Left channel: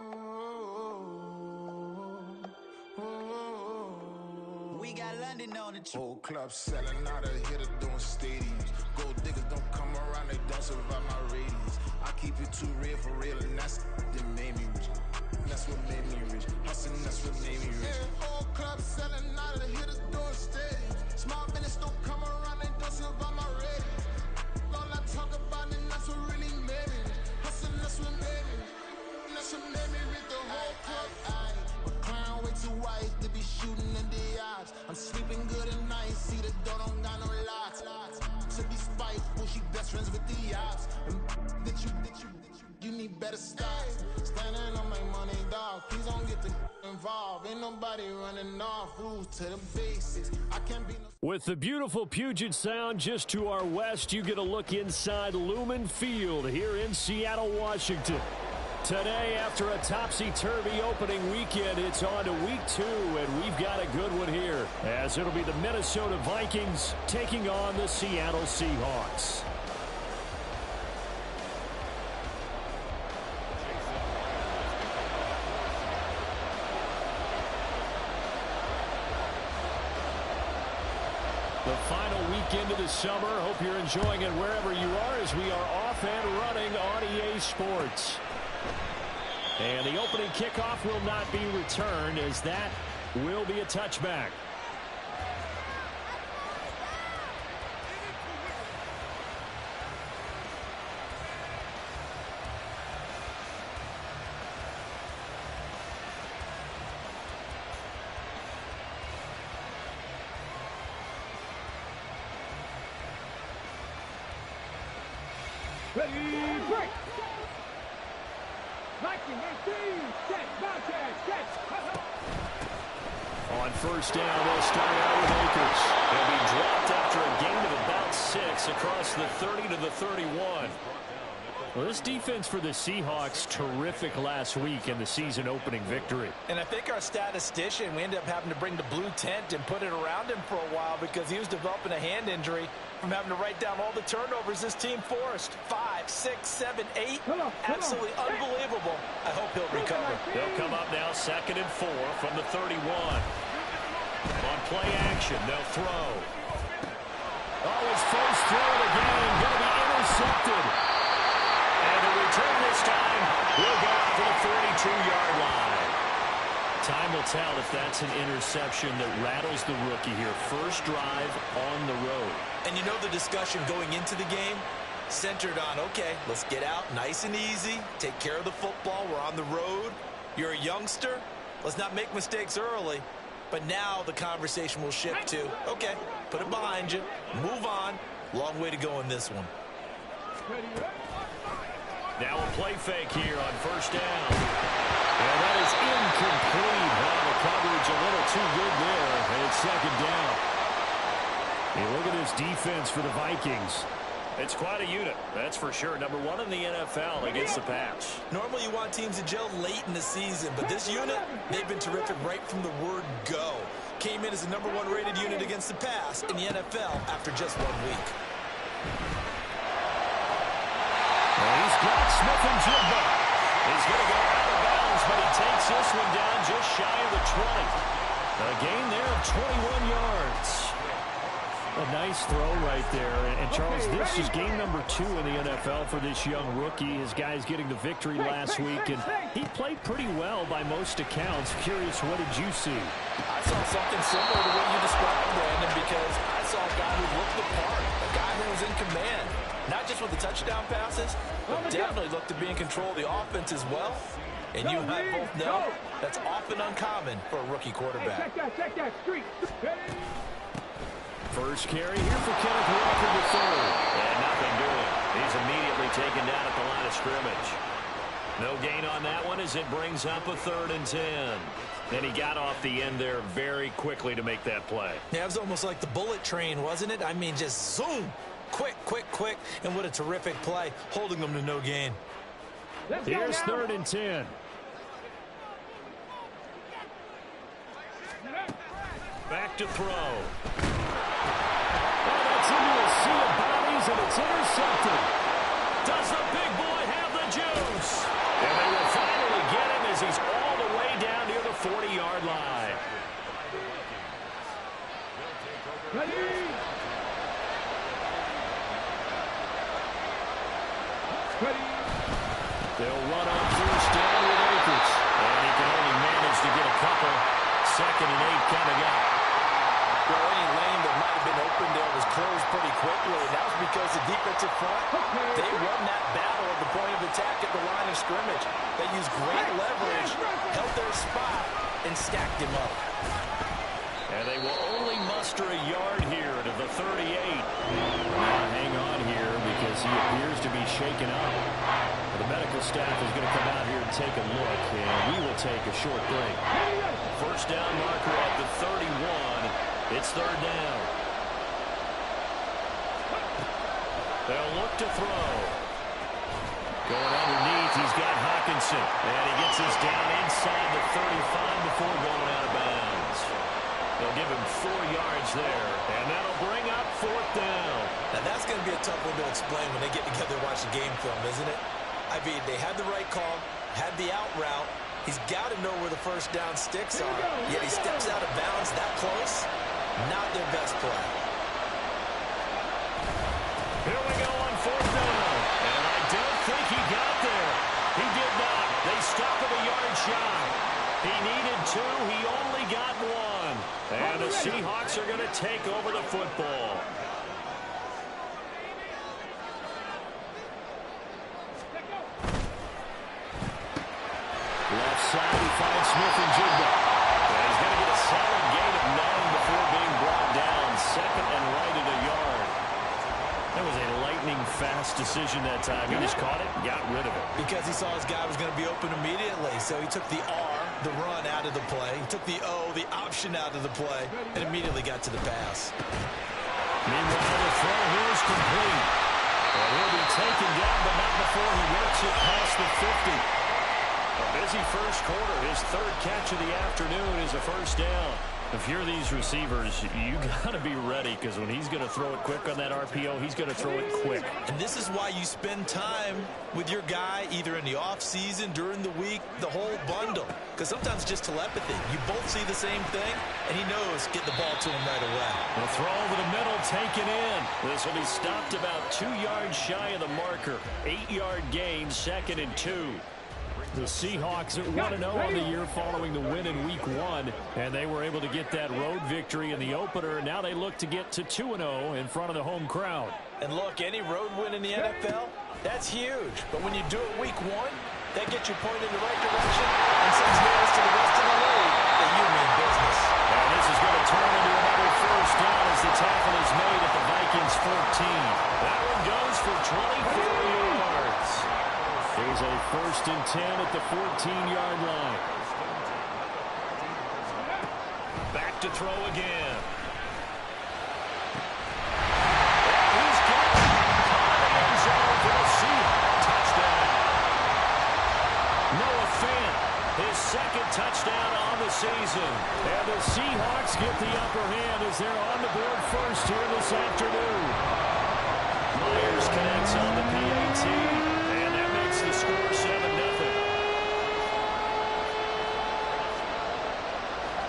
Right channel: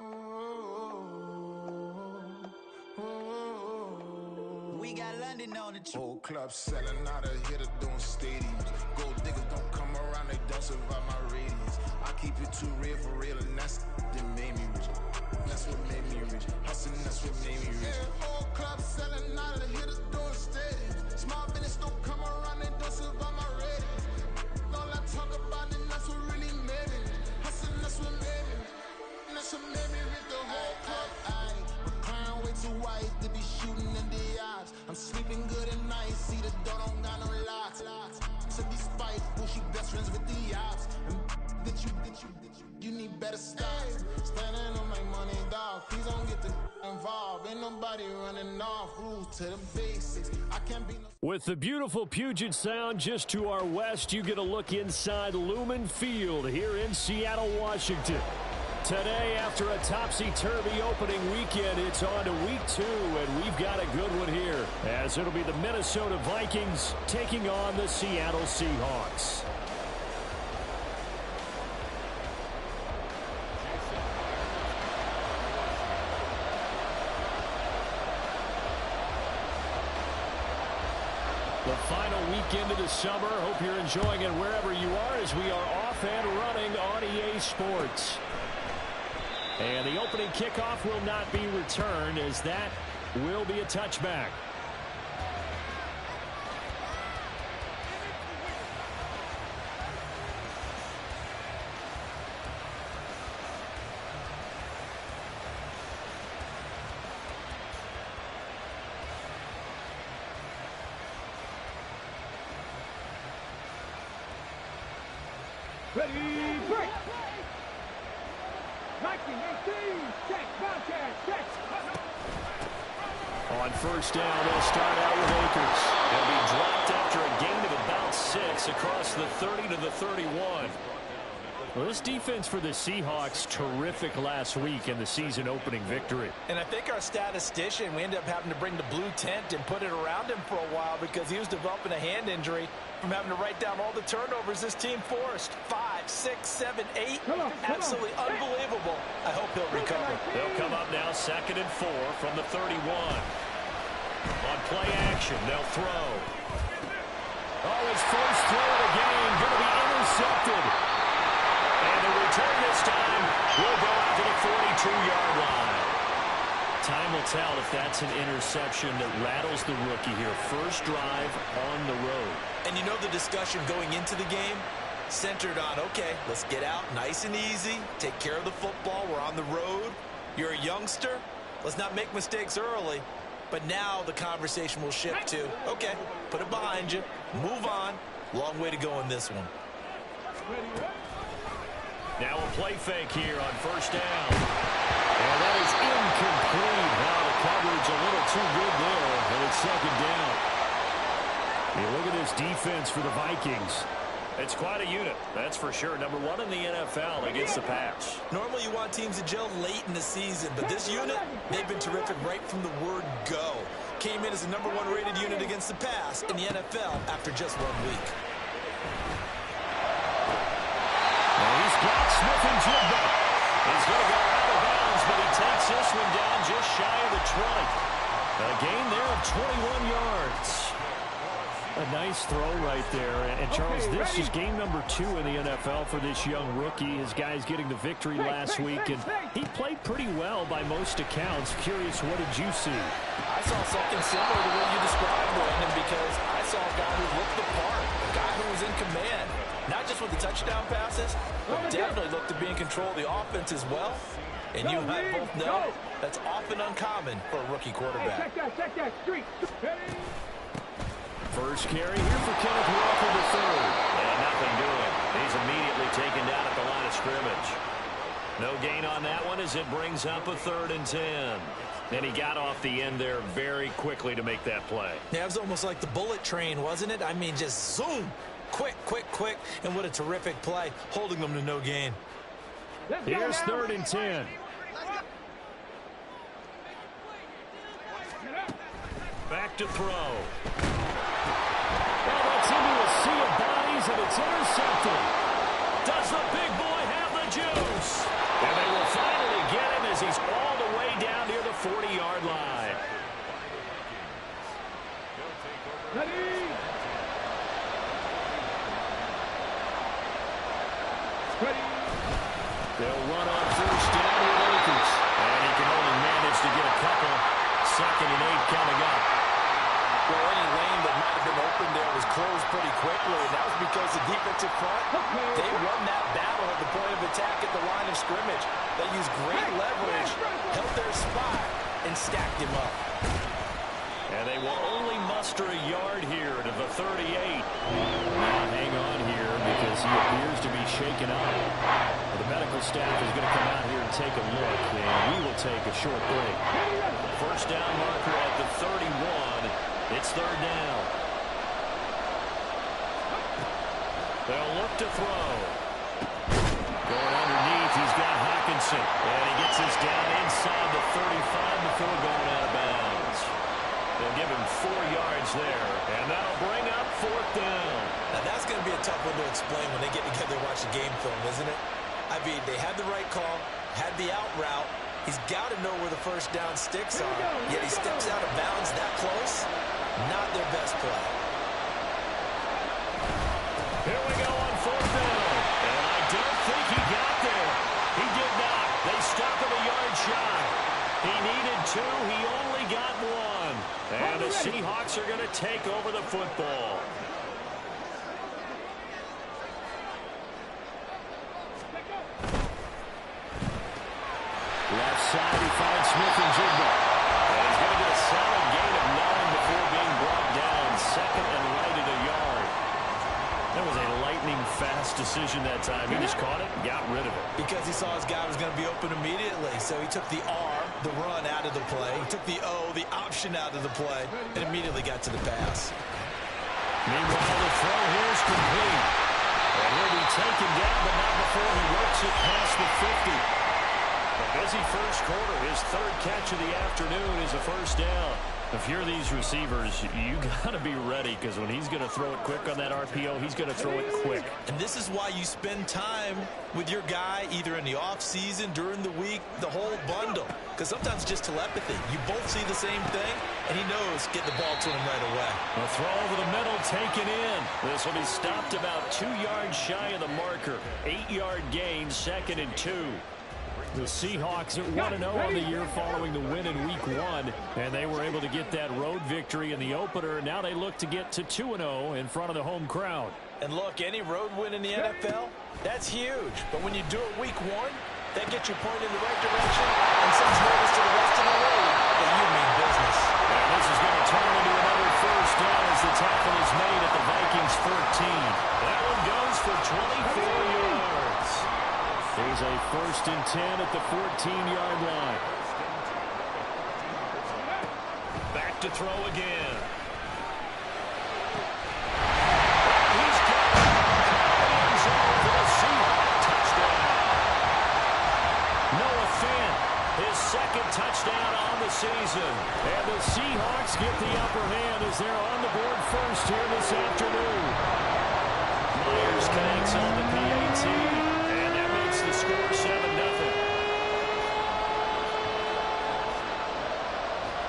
We got London on the Whole club selling out of hitter doing stadiums. Gold diggers don't come around, they don't survive my radius. I keep it too real for real, and that's that made me rich. That's what made me rich. Hustling, that's what made me rich. Yeah, whole club selling out of hitters doing stadiums. Small business don't come around, they don't survive my radius. All I talk about, and that's what really made me rich. Hustling, that's what made me rich. And that's what made me rich. The whole club. My crown way too white to be shooting in the eyes. I'm sleeping good at night, see the door don't got no locks. To be spiteful, she best friends with the ops. And you need better stocks. Standing on my money, dog. Please don't get the involved. Ain't nobody running off. Rules to the basics. I can't be no. With the beautiful Puget Sound just to our west, you get a look inside Lumen Field here in Seattle, Washington. Today, after a topsy-turvy opening weekend, it's on to week 2, and we've got a good one here, as it'll be the Minnesota Vikings taking on the Seattle Seahawks. The final weekend of the summer. Hope you're enjoying it wherever you are, as we are off and running on EA Sports. And the opening kickoff will not be returned, as that will be a touchback. Ready, break! 1918, check, check. On first down, they'll start out with Akers. They'll be dropped after a gain of about 6 across the 30 to the 31. Well, this defense for the Seahawks, terrific last week in the season opening victory. And I think our statistician, we ended up having to bring the blue tent and put it around him for a while because he was developing a hand injury from having to write down all the turnovers this team forced. 5, 6, 7, 8. Absolutely unbelievable. I hope he'll recover. They'll come up now 2nd and 4 from the 31. On play action, they'll throw. Oh, his first throw of the game going to be intercepted. And the return this time will go out to the 42-yard line. Time will tell if that's an interception that rattles the rookie here. First drive on the road. And you know the discussion going into the game? Centered on, okay, let's get out nice and easy. Take care of the football. We're on the road. You're a youngster. Let's not make mistakes early. But now the conversation will shift to, okay, put it behind you. Move on. Long way to go in this one. Now a play fake here on first down. And that is incomplete. Now the coverage a little too good there, and it's 2nd down. Hey, look at this defense for the Vikings. It's quite a unit, that's for sure. Number 1 in the NFL against the pass. Normally you want teams to gel late in the season, but this unit, they've been terrific right from the word go. Came in as the number 1 rated unit against the pass in the NFL after just 1 week. He's got Smith-Njigba. He's going to go out of bounds, but he takes this one down just shy of the 20. A gain there of 21 yards. A nice throw right there. And Charles, this is game number 2 in the NFL for this young rookie. His guys getting the victory last week, and he played pretty well by most accounts. Curious, what did you see? I saw something similar to what you described, Brandon, because I saw a guy who looked the part, a guy who was in command. Not just with the touchdown passes, but definitely looked to be in control of the offense as well. And you and I both know that's often uncommon for a rookie quarterback. Check that, street. First carry here for Kenneth Walker III. And nothing doing. He's immediately taken down at the line of scrimmage. No gain on that one as it brings up a 3rd and 10. And he got off the end there very quickly to make that play. Yeah, it was almost like the bullet train, wasn't it? I mean, just zoom. Quick, and what a terrific play, holding them to no gain. Here's 3rd and 10. Back to throw. Well, that's into a sea of bodies, and it's intercepted. Does the big boy have the juice? And they will finally get him as Ready. Ready. They'll run on first down with Akers. And he can only manage to get a couple. 2nd and 8 coming up. Well, any lane that might have been open there was closed pretty quickly, and that was because the defensive front, they won that battle at the point of attack at the line of scrimmage. They used great leverage, held their spot, and stacked him up. And they will only muster a yard here to the 38. Now hang on here because he appears to be shaken up. Well, the medical staff is going to come out here and take a look, and we will take a short break. First down marker at the 31. It's 3rd down. They'll look to throw. Going underneath, he's got Hockenson. And he gets this down inside the 35 before going out of bounds. They'll give him 4 yards there, and that'll bring up 4th down. Now, that's going to be a tough one to explain when they get together and watch the game film, isn't it? I mean, they had the right call, had the out route. He's got to know where the first down sticks are, yet he steps out of bounds that close. Not their best play. Here we go on 4th down, and I don't think he got there. He did not. They stop him a yard shy. He needed 2. He only got 1. And the Seahawks are going to take over the football. Left side, he finds Smith-Njigba. And he's going to get a solid gain of 9 before being brought down. 2nd and right at a yard. That was a lightning-fast decision that time. He just caught it and got rid of it. Because he saw his guy was going to be open immediately. So he took the R, the run, out of the play. He took the O, the option, out of the play, and immediately got to the pass. Meanwhile, the throw here is complete. And he'll be taken down, but not before he works it past the 50. A busy first quarter. His 3rd catch of the afternoon is a first down. If you're these receivers, you got to be ready because when he's going to throw it quick on that RPO, he's going to throw it quick. And this is why you spend time with your guy either in the offseason, during the week, the whole bundle. Because sometimes just telepathy. You both see the same thing, and he knows get the ball to him right away. A throw over the middle taken in. This will be stopped about 2 yards shy of the marker. 8-yard gain, 2nd and 2. The Seahawks at 1-0 on the year following the win in Week 1, and they were able to get that road victory in the opener. Now they look to get to 2-0 in front of the home crowd. And look, any road win in the NFL, that's huge. But when you do it Week 1, that gets you pointed in the right direction and sends notice to the rest of the league that you mean business. And this is going to turn into another first down as the tackle is made at the Vikings 14. That one goes for 24 yards. Here's a 1st and 10 at the 14-yard line. Back to throw again. He's got it. Caught in the end zone for the Seahawks. Touchdown. Noah Fant, his 2nd touchdown on the season. And the Seahawks get the upper hand as they're on the board first here this afternoon. Myers connects on the PAT. The score 7-0.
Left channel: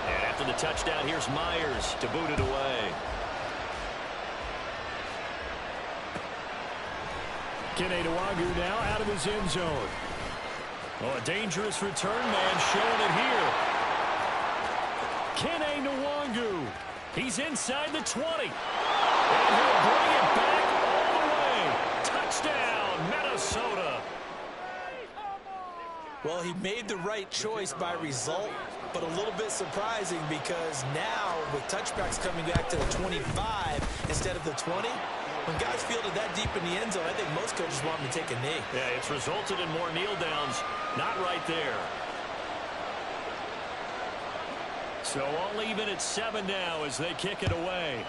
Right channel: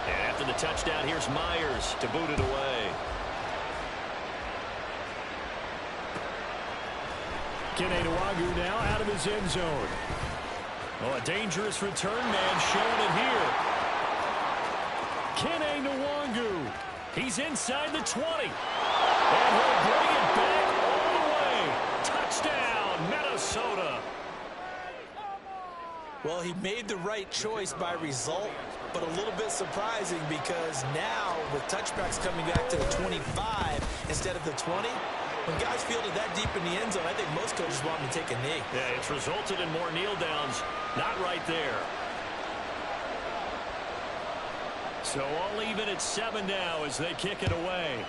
And after the touchdown, here's Myers to boot it away. Kene Nwangwu now out of his end zone. Oh, a dangerous return man showing it here. Kene Nwangwu. He's inside the 20. And he'll bring it back all the way. Touchdown, Minnesota. Well, he made the right choice by result, but a little bit surprising because now with touchbacks coming back to the 25 instead of the 20, when guys fielded that deep in the end zone, I think most coaches want him to take a knee. Yeah, it's resulted in more kneel downs. Not right there. So all even at 7 now as they kick it away.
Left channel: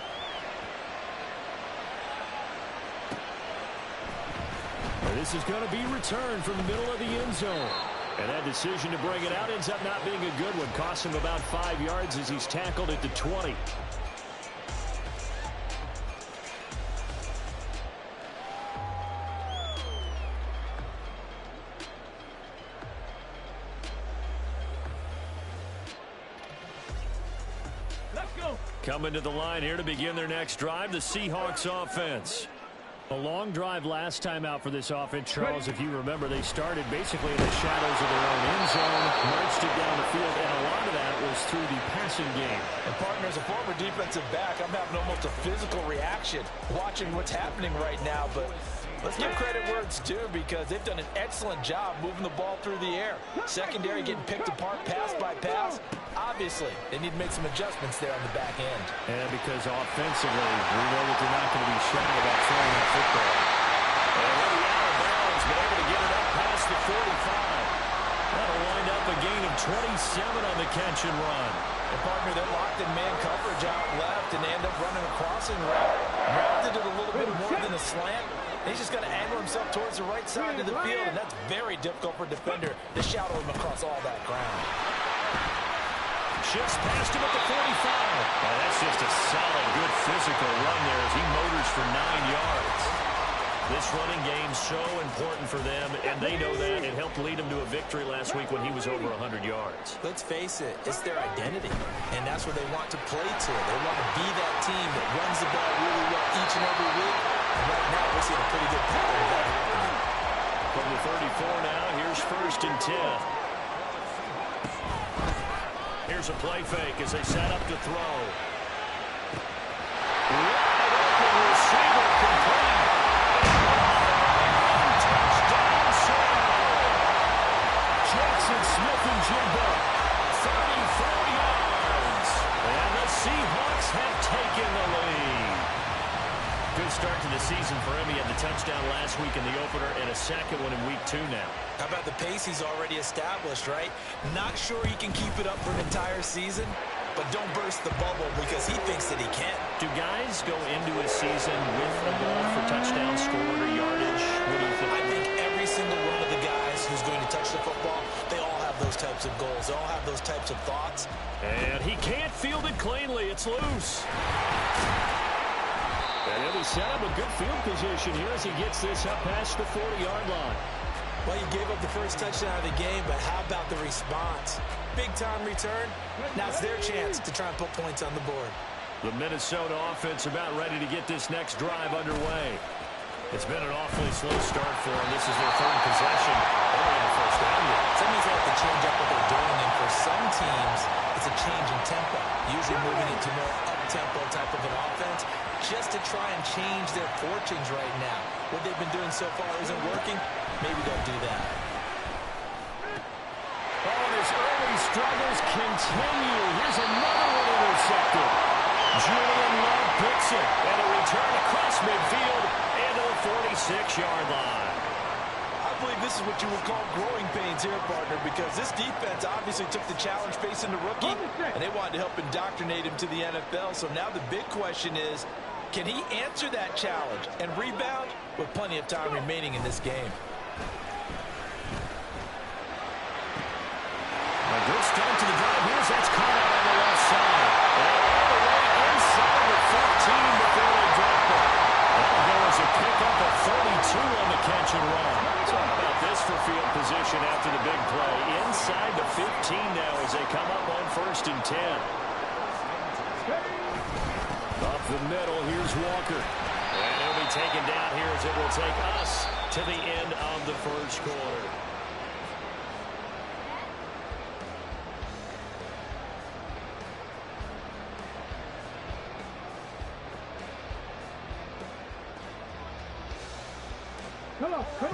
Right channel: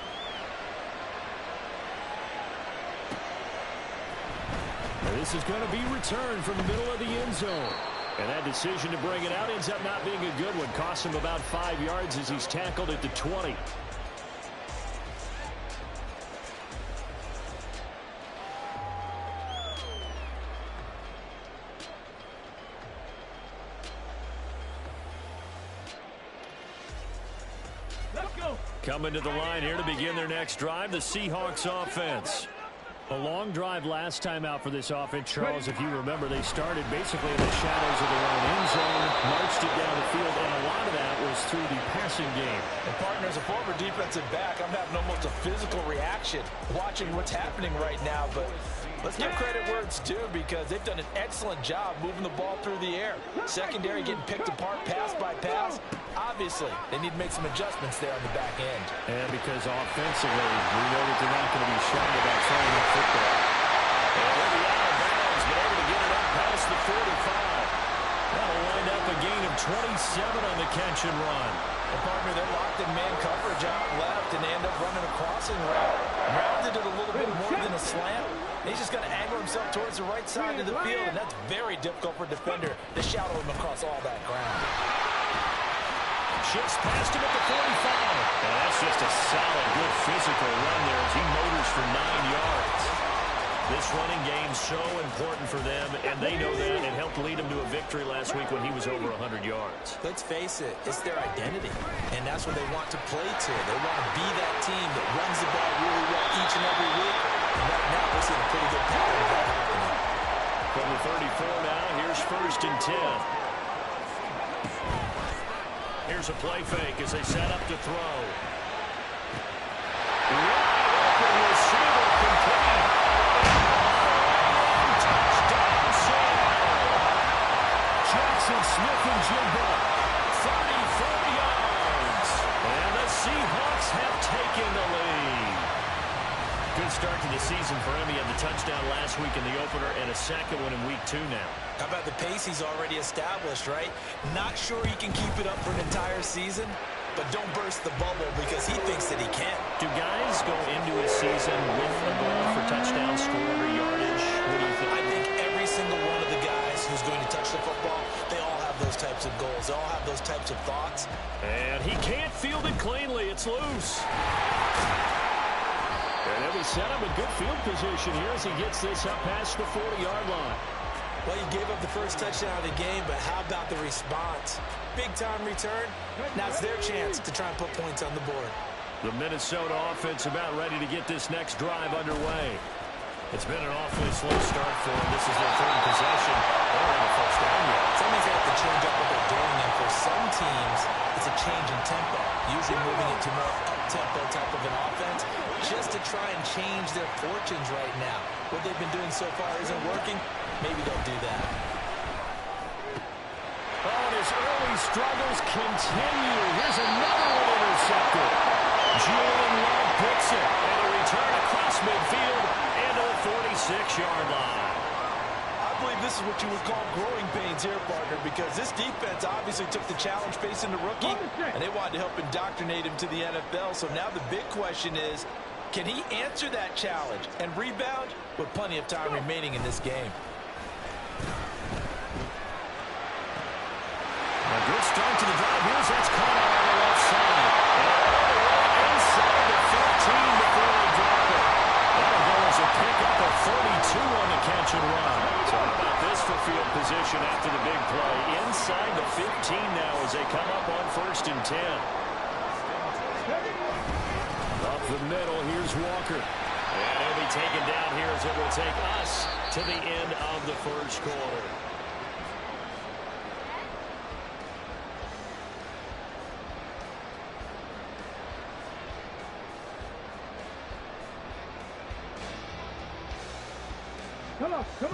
And this is going to be returned from the middle of the end zone. And that decision to bring it out ends up not being a good one. Costs him about 5 yards as he's tackled at the 20. Let's go. Coming to the line here to begin their next drive, the Seahawks offense. A long drive last time out for this offense, Charles. If you remember, they started basically in the shadows of their own end zone, marched it down the field, and a lot of that was through the passing game. And, partner, as a former defensive back, I'm having almost a physical reaction watching what's happening right now. But let's give credit where it's due, because they've done an excellent job moving the ball through the air. Secondary getting picked apart pass by pass. Obviously, they need to make some adjustments there on the back end. And because offensively, we know that they're not going to be shy about throwing that football. And they'll be out of bounds, but able to get it up past the 45. That'll wind up a gain of 27 on the catch and run. And, partner, they're locked in man coverage out left, and they end up running a crossing route. Rounded it a little bit more than a slant. He's just got to angle himself towards the right side of the field, and that's very difficult for a defender to shadow him across all that ground. Shifts past him at the 45. And that's just a solid, good physical run there as he motors for 9 yards. This running game's so important for them, and they know that. It helped lead them to a victory last week when he was over 100 yards. Let's face it, it's their identity, and that's what they want to play to. They want to be that team that runs the ball really well each and every week. And right now, we're seeing a pretty good pattern of that happening. From the 34 now, here's 1st and 10. Here's a play fake as they set up to throw. Wide open receiver complete. And touchdown Seattle. Jackson Smith-Njigba, 34 yards. And the Seahawks have taken the lead. Good start to the season for him. He had the touchdown last week in the opener and a second one in week 2 now. How about the pace he's already established, right? Not sure he can keep it up for an entire season, but don't burst the bubble because he thinks that he can. Do guys go into a season with a goal for touchdown scored or yardage? What do you think? I think every single one of the guys who's going to touch the football, they all have those types of goals. They all have those types of thoughts. And he can't field it cleanly. It's loose. And he'll be set up with good field position here as he gets this up past the 40-yard line. Well, you gave up the first touchdown of the game, but how about the response? Big-time return. Now it's their chance to try and put points on the board. The Minnesota offense about ready to get this next drive underway. It's been an awfully slow start for them. This is their 3rd possession. They don't have a first down yet. So that means they have to change up what they're doing, and for some teams, it's a change in tempo, usually moving it to more up-tempo type of an offense, just to try and change their fortunes right now. What they've been doing so far isn't working. Maybe they'll do that. Oh, and his early struggles continue. Here's another one intercepted. Julian Love picks it, and a return across midfield into the 46-yard line. I believe this is what you would call growing pains here, partner, because this defense obviously took the challenge facing the rookie, and they wanted to help indoctrinate him to the NFL. So now the big question is, can he answer that challenge and rebound with plenty of time remaining in this game? A good start to the drive. Here's that's caught out on the left side. And all the way inside the 15 before they drop it. That'll go as a pickup of 32 on the catch and run. So how about this for field position after the big play? Inside the 15 now as they come up on 1st and 10. Up the middle, here's Walker. And he'll be taken down here as it will take us to the end of the 1st quarter.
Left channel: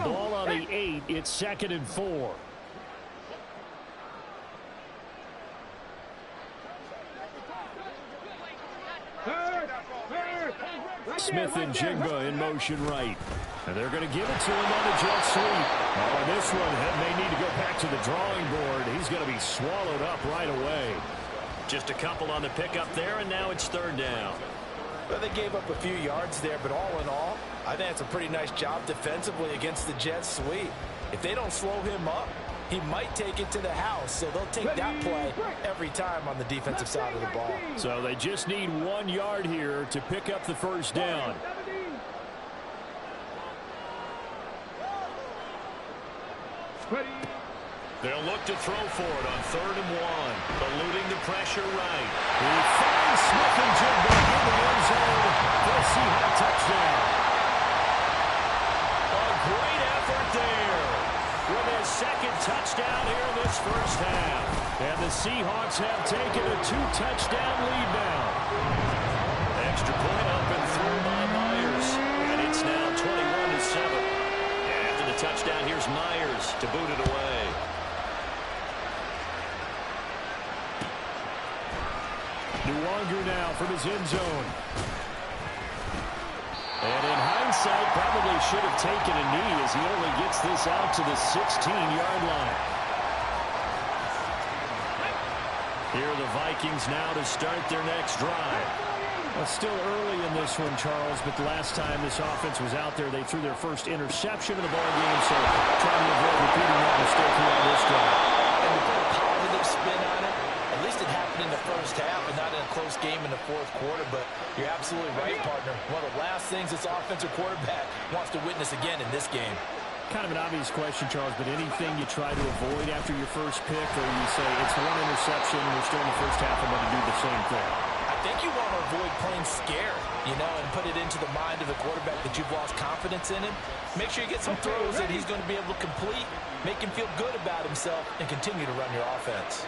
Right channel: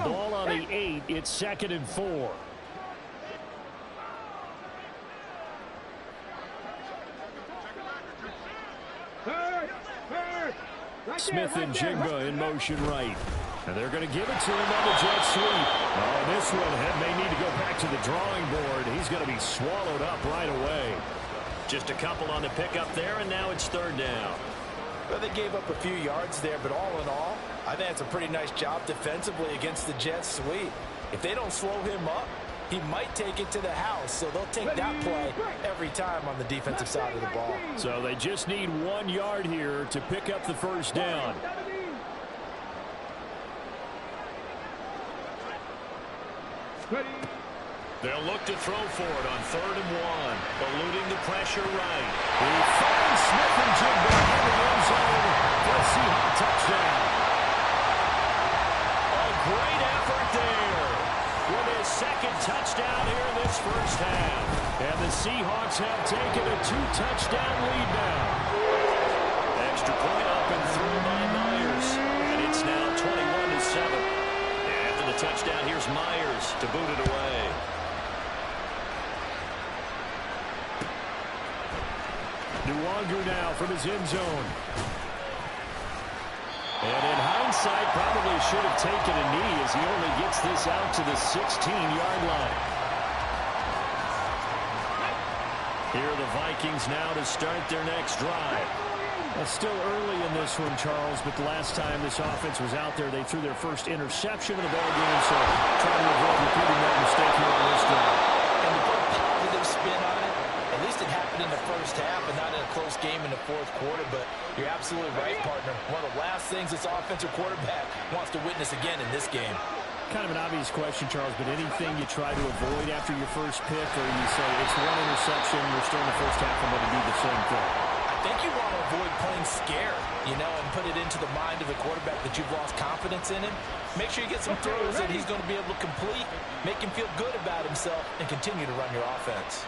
Ball on the 8. It's 2nd and 4. Smith-Njigba in motion right. And they're going to give it to him on the jet sweep. Oh, this one may need to go back to the drawing board. He's going to be swallowed up right away. Just a couple on the pickup there, and now it's 3rd down. Well, they gave up a few yards there, but all in all, I think it's a pretty nice job defensively against the jet sweep. If they don't slow him up, he might take it to the house, so they'll take that play every time on the defensive side of the ball. So they just need 1 yard here to pick up the 1st down. They'll look to throw for it on 3rd and 1. Eluding the pressure right. He finds Smith-Njigba in the end zone for a Seahawk touchdown. A great effort there with his second touchdown here in this first half. And the Seahawks have taken a 2-touchdown lead now. Extra point up and through by Myers. And it's now 21-7. After the touchdown, here's Myers to boot it away. Nwangu now from his end zone. And in hindsight, probably should have taken a knee as he only gets this out to the 16-yard line. Here are the Vikings now to start their next drive. Still early in this one, Charles, but the last time this offense was out there, they threw their first interception of the ball game, so trying to avoid repeating that mistake here on this drive. And to put a positive spin on it, at least it happened in the first half and not in a close game in the fourth quarter, but you're absolutely right, partner. One of the last things this offensive quarterback wants to witness again in this game. Kind of an obvious question, Charles, but anything you try to avoid after your first pick, or you say it's one interception, we're still in the first half, I'm going to do the same thing? I think you want to avoid playing scared, and put it into the mind of the quarterback that you've lost confidence in him. Make sure you get some throws that he's going to be able to complete, make him feel good about himself, and continue to run your offense.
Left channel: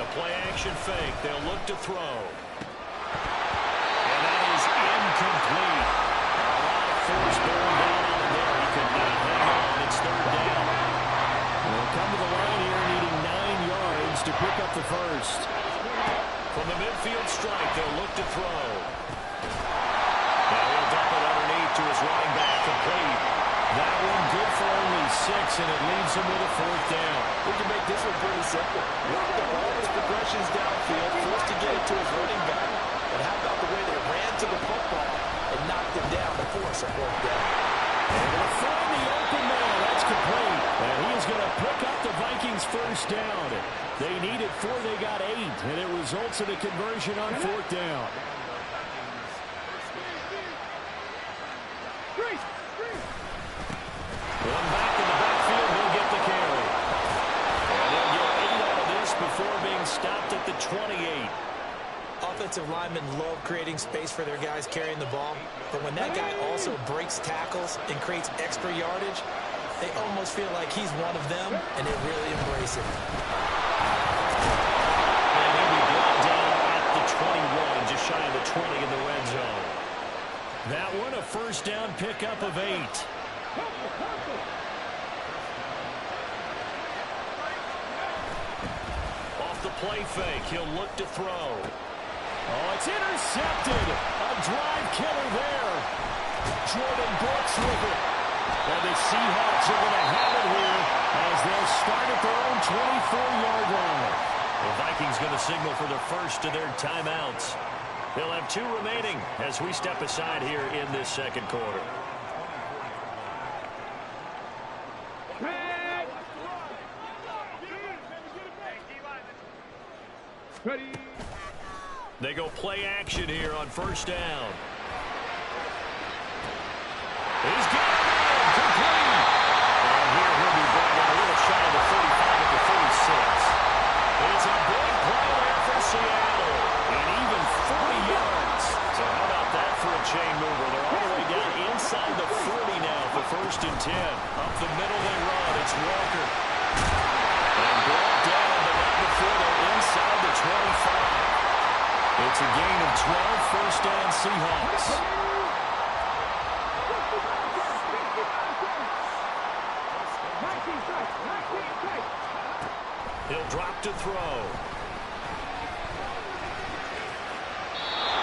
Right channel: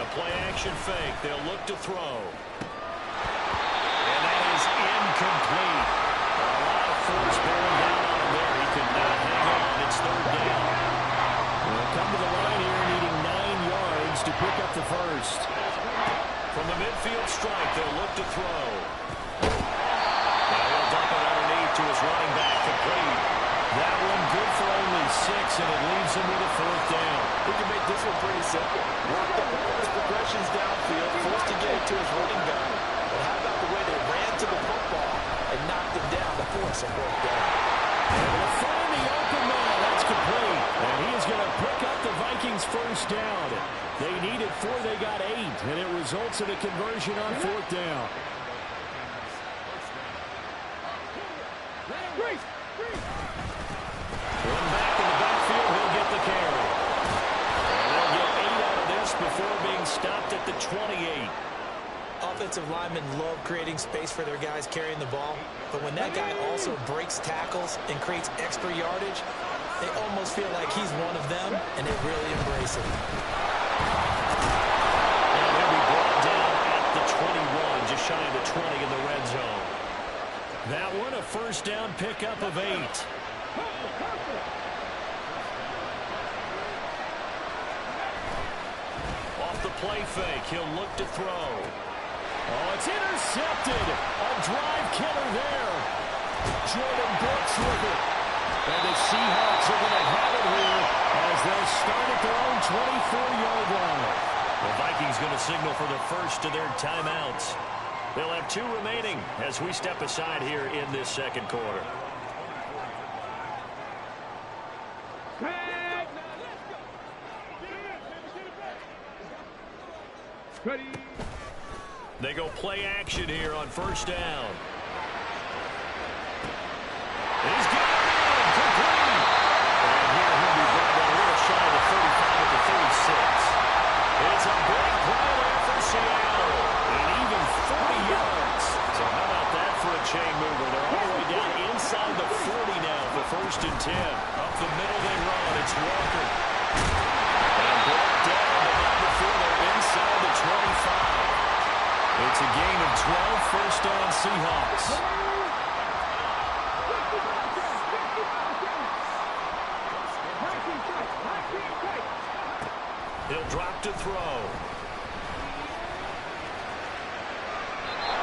A play-action fake. They'll look to throw. And that is incomplete. A lot of force bearing down on him there. He could not hang on. It's 3rd down. They'll come to the line here needing 9 yards to pick up the first. From the midfield strike, they'll look to throw. Now he'll dump it underneath to his running back. Complete. That one good for only 6, and it leaves him with a 4th down. We can make this one pretty simple. Walked up all his progressions downfield, forced to get it to his running back. But how about the way they ran to the football and knocked him down to force a 4th down? Able to find the open man. That's complete. And he is going to pick up the Vikings' first down. They needed 4, they got 8, and it results in a conversion on 4th down. One back in the backfield, he'll get the carry. And they'll get 8 out of this before being stopped at the 28. Offensive linemen love creating space for their guys carrying the ball, but when that guy also breaks tackles and creates extra yardage, they almost feel like he's one of them, and they really embrace it. And he'll be brought down at the 21, just shy of the 20 in the red zone. That one, a first down pickup of 8. Off the play fake, he'll look to throw. Oh, it's intercepted. A drive killer there. Jordan Brooks with it. And the Seahawks are going to have it here as they'll start at their own 24-yard line. The Vikings going to signal for the first of their timeouts. They'll have 2 remaining as we step aside here in this second quarter. Ready. They go play action here on first down. He's got it in, complete. And here he'll be brought down a little shy of the 35 at the 36. It's a big play there for Seattle, and even 40 yards. So how about that for a chain mover? They're all the way down inside the 40 now for 1st and 10. Up the middle they run. It's Walker. And brought down, but not before they're inside the 25. It's a gain of 12, first down Seahawks. He'll drop to throw.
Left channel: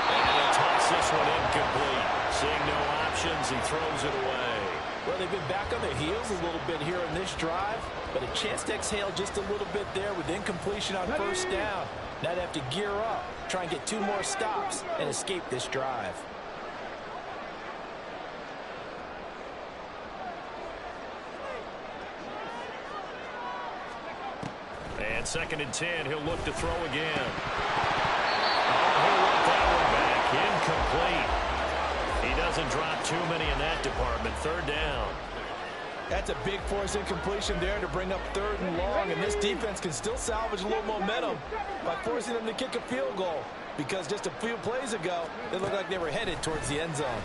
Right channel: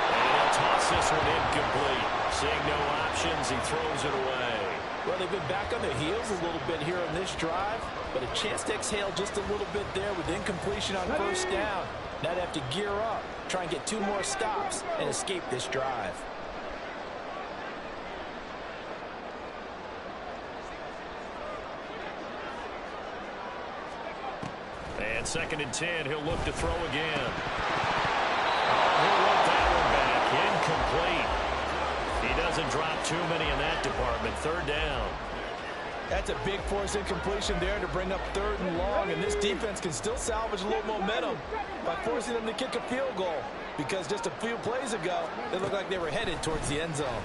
And he'll toss this one incomplete. Seeing no options, he throws it away. Well, they've been back on their heels a little bit here on this drive, but a chance to exhale just a little bit there with incompletion on first down. Now they have to gear up, try and get 2 more stops, and escape this drive. And 2nd and 10, he'll look to throw again. Oh, he'll want that one back. Incomplete. He doesn't drop too many in that department. 3rd down. That's a big force incompletion there to bring up 3rd and long, and this defense can still salvage a little momentum by forcing them to kick a field goal, because just a few plays ago, it looked like they were headed towards the end zone.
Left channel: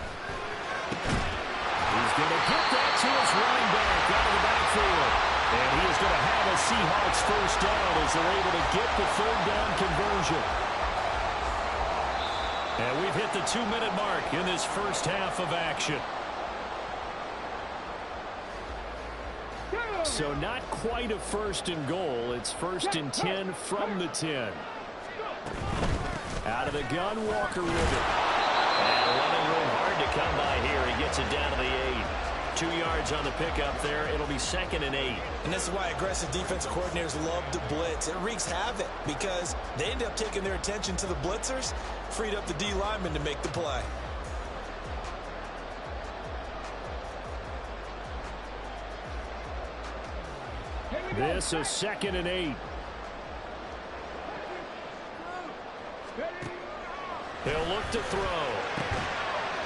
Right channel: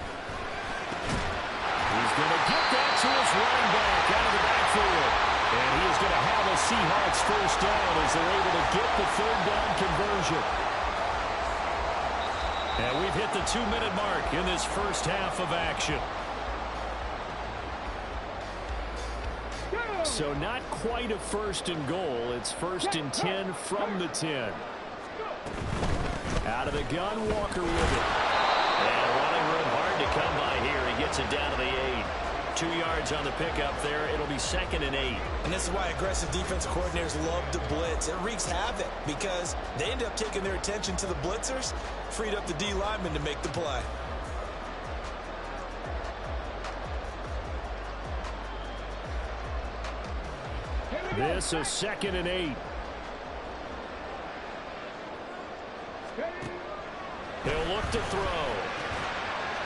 He's going to get that to his running back out of the backfield. And he is going to have a Seahawks first down as they're able to get the 3rd down conversion. And we've hit the 2-minute mark in this first half of action. So not quite a 1st and goal. It's 1st and 10 from the 10. Out of the gun, Walker with it. And running room hard to come by here. He gets it down to the 8. 2 yards on the pickup there. It'll be 2nd and 8. And this is why aggressive defensive coordinators love to blitz. It wreaks havoc because they end up taking their attention to the blitzers, freed up the D lineman to make the play. This is 2nd and 8. He'll look to throw.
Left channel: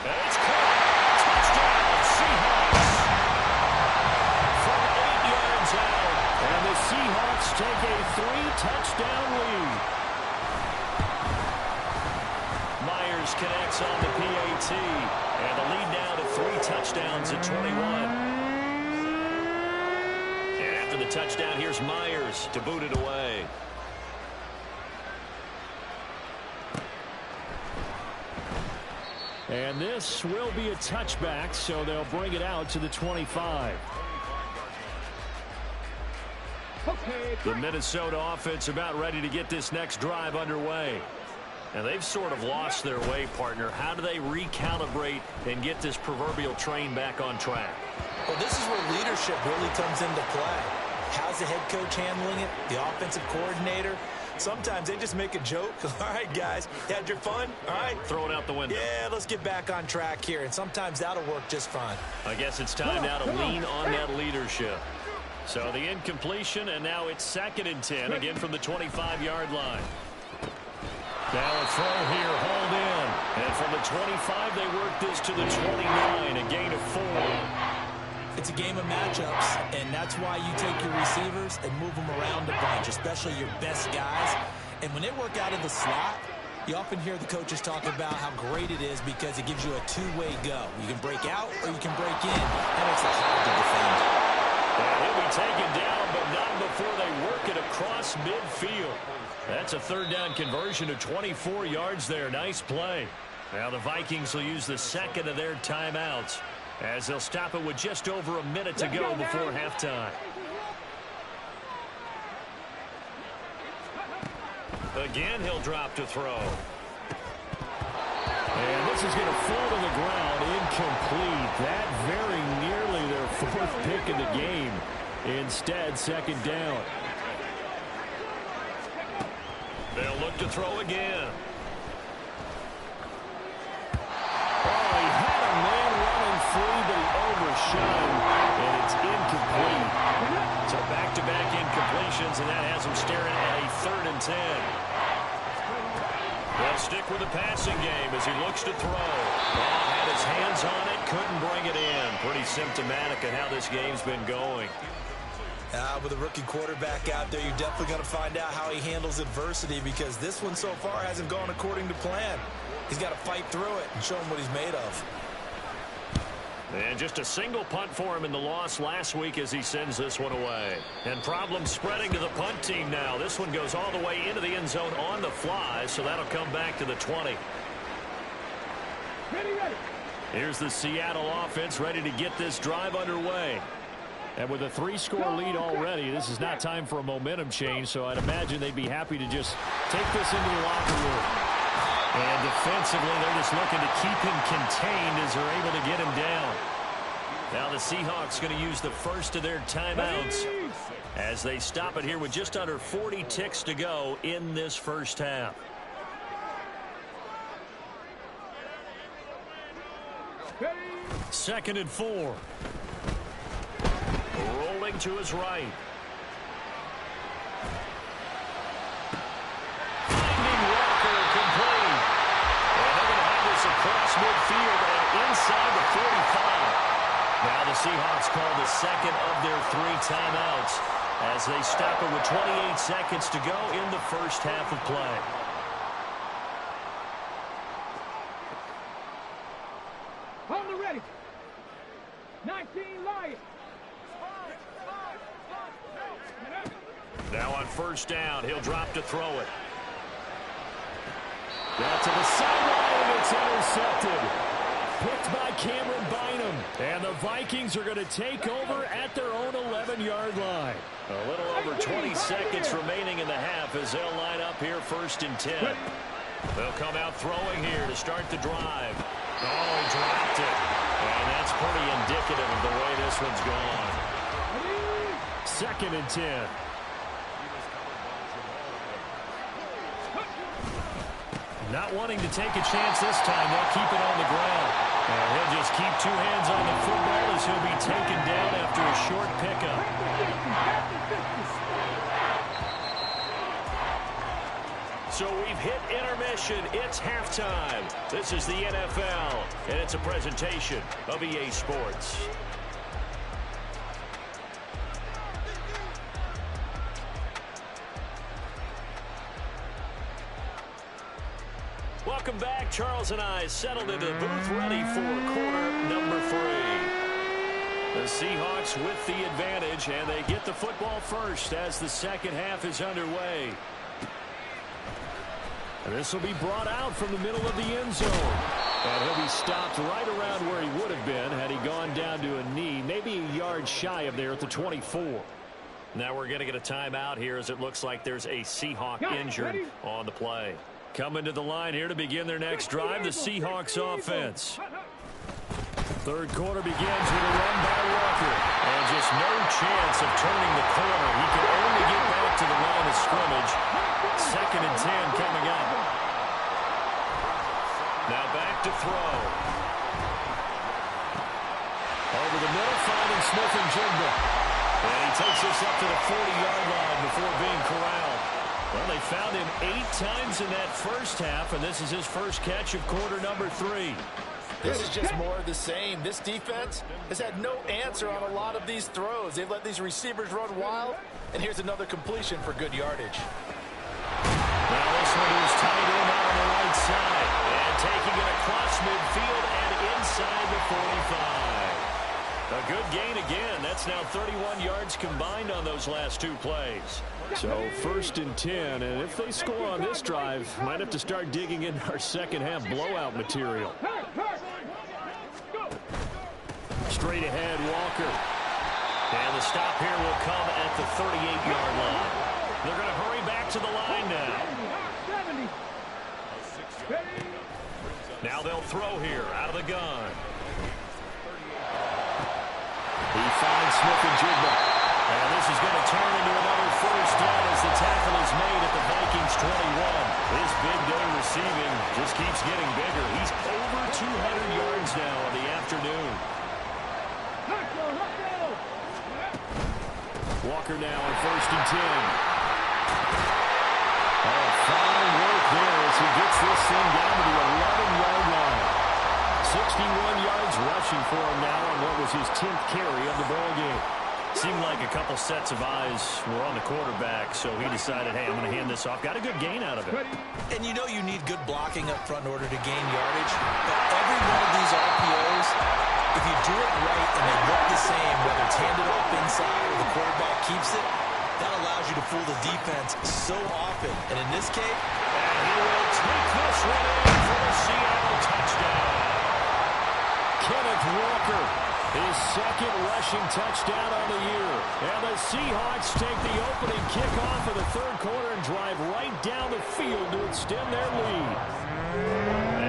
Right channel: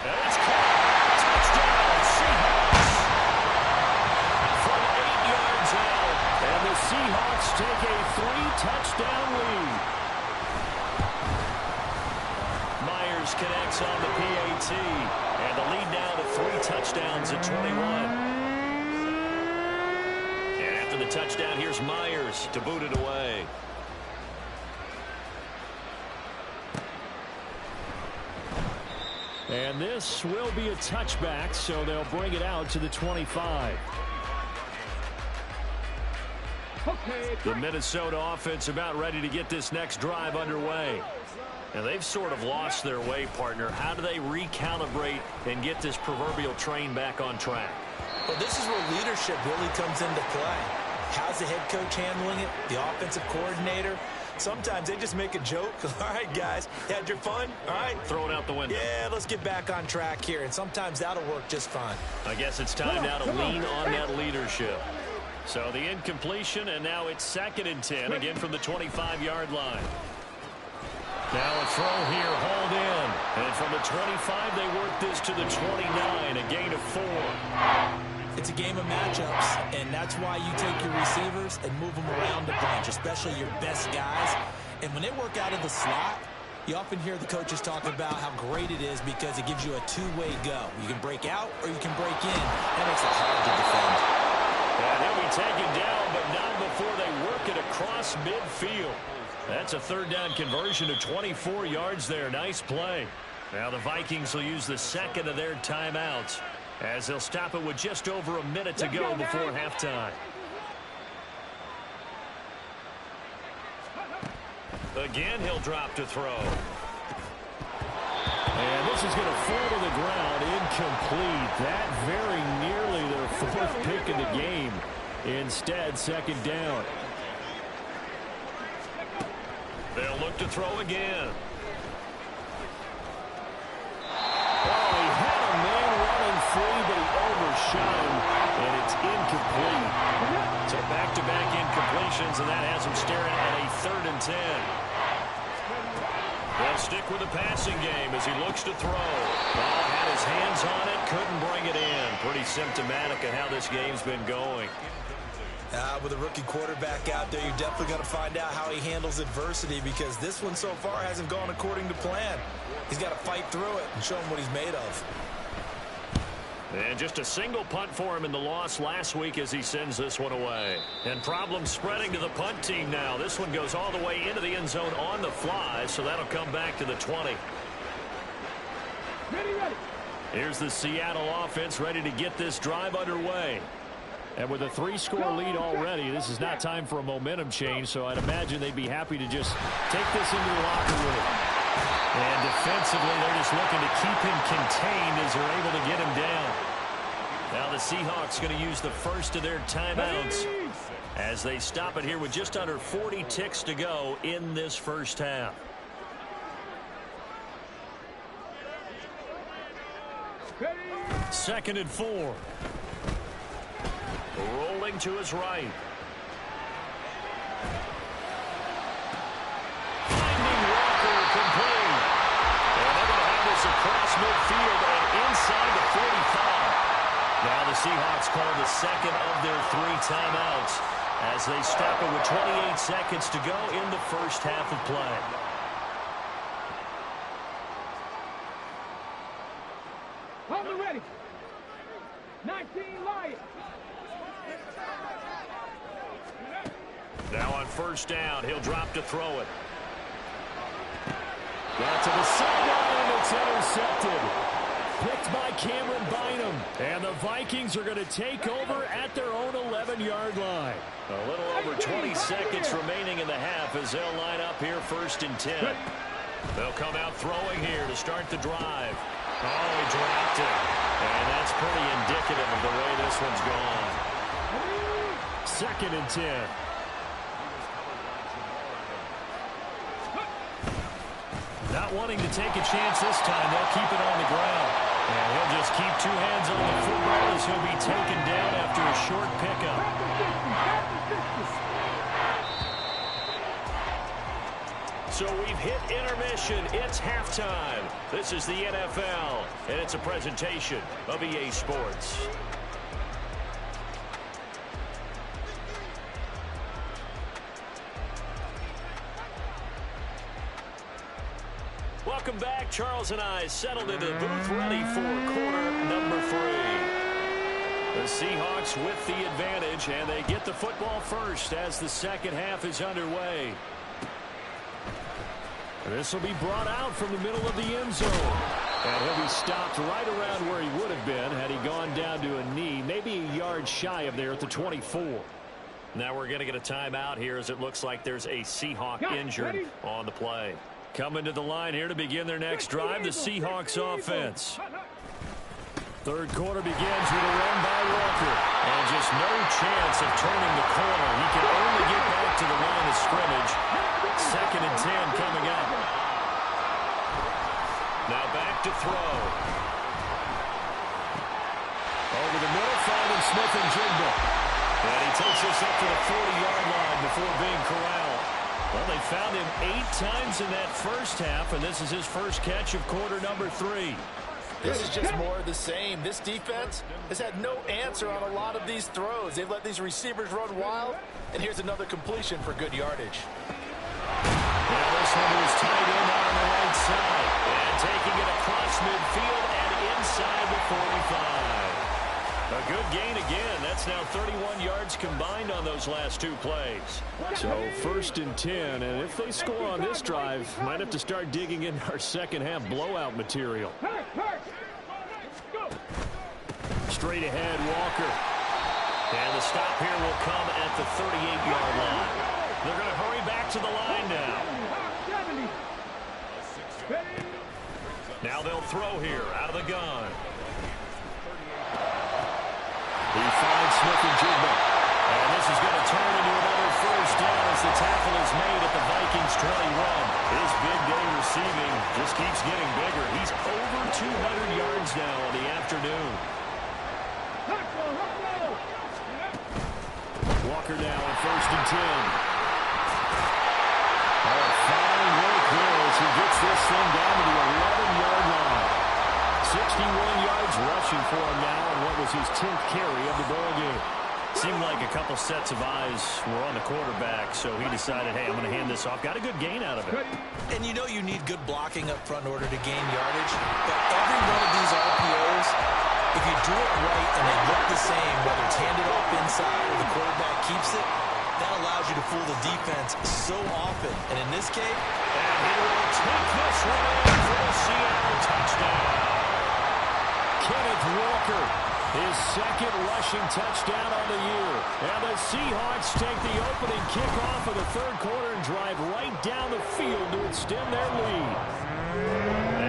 And it's caught. Touchdown, Seahawks. From 8 yards out. And the Seahawks take a 3-touchdown lead. Myers connects on the PAT. And the lead now to 3 touchdowns at 21. The touchdown, here's Myers to boot it away. And this will be a touchback, so they'll bring it out to the 25. The Minnesota offense about ready to get this next drive underway. And they've sort of lost their way, partner. How do they recalibrate and get this proverbial train back on track? Well, this is where leadership really comes into play. How's the head coach handling it? The offensive coordinator? Sometimes they just make a joke. All right, guys, you had your fun? All right. Throw it out the window. Yeah, let's get back on track here. And sometimes that'll work just fine. I guess it's time now to lean on that leadership. So the incompletion, and now it's 2nd and 10, again from the 25-yard line. Now a throw here, hauled in. And from the 25, they work this to the 29, a gain of 4. It's a game of matchups, and that's why you take your receivers and move them around a bunch, especially your best guys. And when they work out of the slot, you often hear the coaches talk about how great it is because it gives you a two-way go. You can break out or you can break in. That makes it hard to defend. And he'll be taken down, but not before they work it across midfield. That's a 3rd down conversion of 24 yards there. Nice play. Now the Vikings will use the 2nd of their timeouts, as they'll stop it with just over a minute to go before halftime. Again, he'll drop to throw. And this is going to fall to the ground, incomplete. That very nearly their 4th pick of the game. Instead, 2nd down. They'll look to throw again. Oh, he had a man running free, but he overshot him, and it's incomplete. So back-to-back incompletions, and that has him staring at a 3rd and 10. They'll stick with the passing game as he looks to throw. Oh, had his hands on it, couldn't bring it in. Pretty symptomatic of how this game's been going. With a rookie quarterback out there, you're definitely going to find out how he handles adversity, because this one so far hasn't gone according to plan. He's got to fight through it and show him what he's made of. And just a single punt for him in the loss last week as he sends this one away. And problems spreading to the punt team now. This one goes all the way into the end zone on the fly, so that'll come back to the 20. Ready. Here's the Seattle offense ready to get this drive underway. And with a 3-score lead already, this is not time for a momentum change, so I'd imagine they'd be happy to just take this into the locker room. And defensively, they're just looking to keep him contained as they're able to get him down. Now the Seahawks going to use the first of their timeouts as they stop it here with just under 40 ticks to go in this first half. Second and 4. Rolling to his right. Finding Walker complete. And they're going to have this across midfield and inside the 45. Now the Seahawks call the second of their 3 timeouts as they stop it with 28 seconds to go in the first half of play. On the ready. 19 Lions. Now on first down, he'll drop to throw it. Down to the sideline, and it's intercepted. Picked by Cameron Bynum. And the Vikings are going to take over at their own 11-yard line. A little over 20 seconds remaining in the half as they'll line up here first and 10. They'll come out throwing here to start the drive. Oh, he dropped it. And that's pretty indicative of the way this one's gone. Second and 10. Not wanting to take a chance this time, they'll keep it on the ground. And he'll just keep 2 hands on the football as he'll be taken down after a short pickup. So we've hit intermission. It's halftime. This is the NFL, and it's a presentation of EA Sports. Welcome back. Charles and I settled into the booth ready for quarter number 3. The Seahawks with the advantage, and they get the football first as the second half is underway. And this will be brought out from the middle of the end zone. And he'll be stopped right around where he would have been had he gone down to a knee, maybe a yard shy of there at the 24. Now we're going to get a timeout here as it looks like there's a Seahawk injured on the play. Coming to the line here to begin their next drive, the Seahawks offense. Third quarter begins with a run by Walker. And just no chance of turning the corner. He can only get back to the line of scrimmage. Second and 10 coming up. Now back to throw. Over the middle, finding Smith-Njigba. And he takes this up to the 40-yard line before being corralled. Well, they found him 8 times in that first half, and this is his first catch of quarter number 3. This is just more of the same. This defense has had no answer on a lot of these throws. They've let these receivers run wild, and here's another completion for good yardage. Now this one is tight end out on the right side, and taking it across midfield and inside the 45. A good gain again. That's now 31 yards combined on those last 2 plays. So first and 10, and if they score on this drive, might have to start digging into our second half blowout material. Straight ahead, Walker. And the stop here will come at the 38-yard line. They're going to hurry back to the line now. Now they'll throw here out of the gun. He finds Smith-Njigba. And this is going to turn into another first down as the tackle is made at the Vikings 21. His big day receiving just keeps getting bigger. He's over 200 yards now on the afternoon. Walker now on first and 10. Oh, fine work there as he gets this thing down to the 11-yard line. 61 yards rushing for him now on what was his 10th carry of the ball game. Seemed like a couple sets of eyes were on the quarterback, so he decided, hey, I'm going to hand this off. Got a good gain out of it. And you know you need good blocking up front in order to gain yardage, but every one of these RPOs, if you do it right and they look the same, whether it's handed off inside or the quarterback keeps it, that allows you to fool the defense so often. And in this case, and he will take this one in for the Seattle touchdown. Kenneth Walker, his second rushing touchdown on the year. And the Seahawks take the opening kickoff of the third quarter and drive right down the field to extend their lead.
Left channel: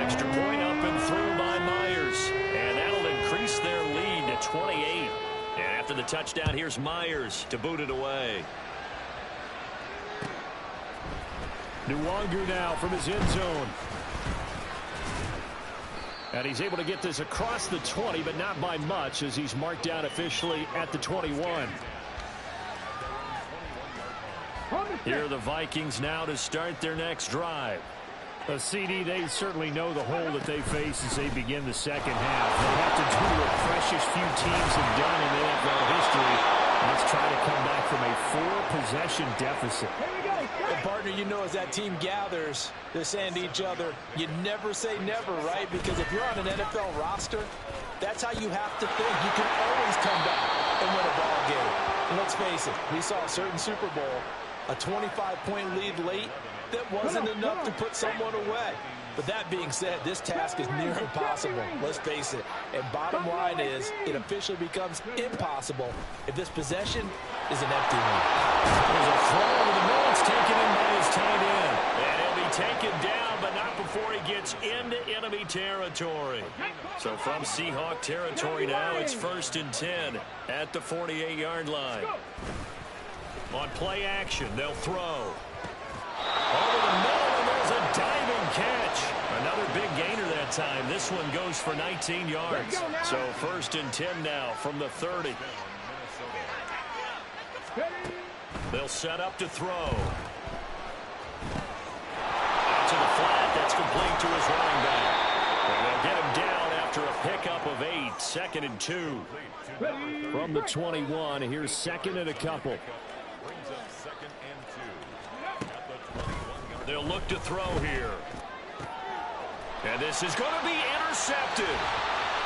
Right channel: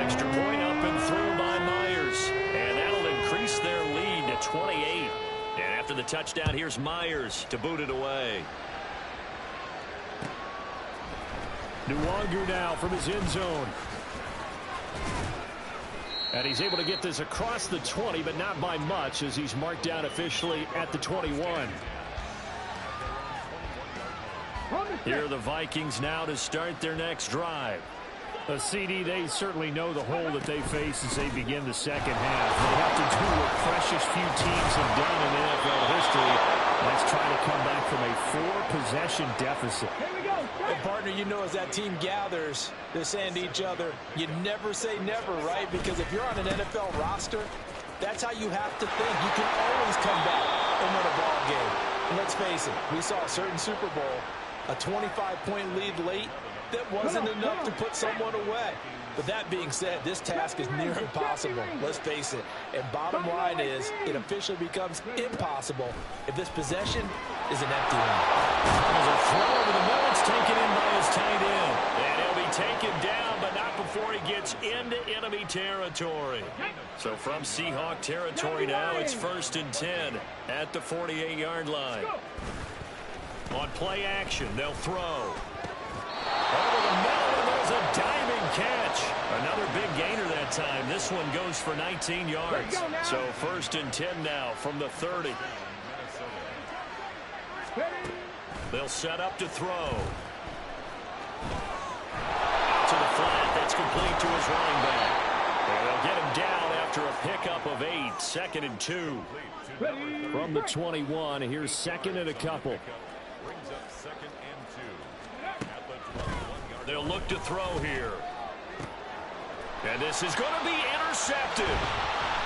Extra point up and through by Myers. And that'll increase their lead to 28. And after the touchdown, here's Myers to boot it away. Nwangu now from his end zone. And he's able to get this across the 20, but not by much as he's marked down officially at the 21. Here are the Vikings now to start their next drive. A CD, they certainly know the hole that they face as they begin the second half. They have to do what precious few teams have done in NFL history. Let's try to come back from a 4-possession deficit. Here we go. And partner, you know, as that team gathers, they're saying to each other, you never say never, right? Because if you're on an NFL roster, that's how you have to think. You can always come back and win a ball game. And let's face it, we saw a certain Super Bowl, a 25-point lead late, that wasn't enough to put someone away. But that being said, this task is near impossible. Let's face it. And bottom line is, it officially becomes impossible if this possession is an empty one. There's a throw over the middle. It's taken in by his tight end. And he'll be taken down, but not before he gets into enemy territory. So from Seahawk territory now, it's 1st and 10 at the 48-yard line. On play action, they'll throw. Over the middle, and there's a diving catch. Another big gainer that time. This one goes for 19 yards. So 1st and 10 now from the 30. They'll set up to throw. Out to the flat. That's complete to his running back. And they'll get him down after a pickup of 8. 2nd and 2. From the 21, here's 2nd and a couple. Brings up 2nd and 2. They'll look to throw here. And this is going to be intercepted.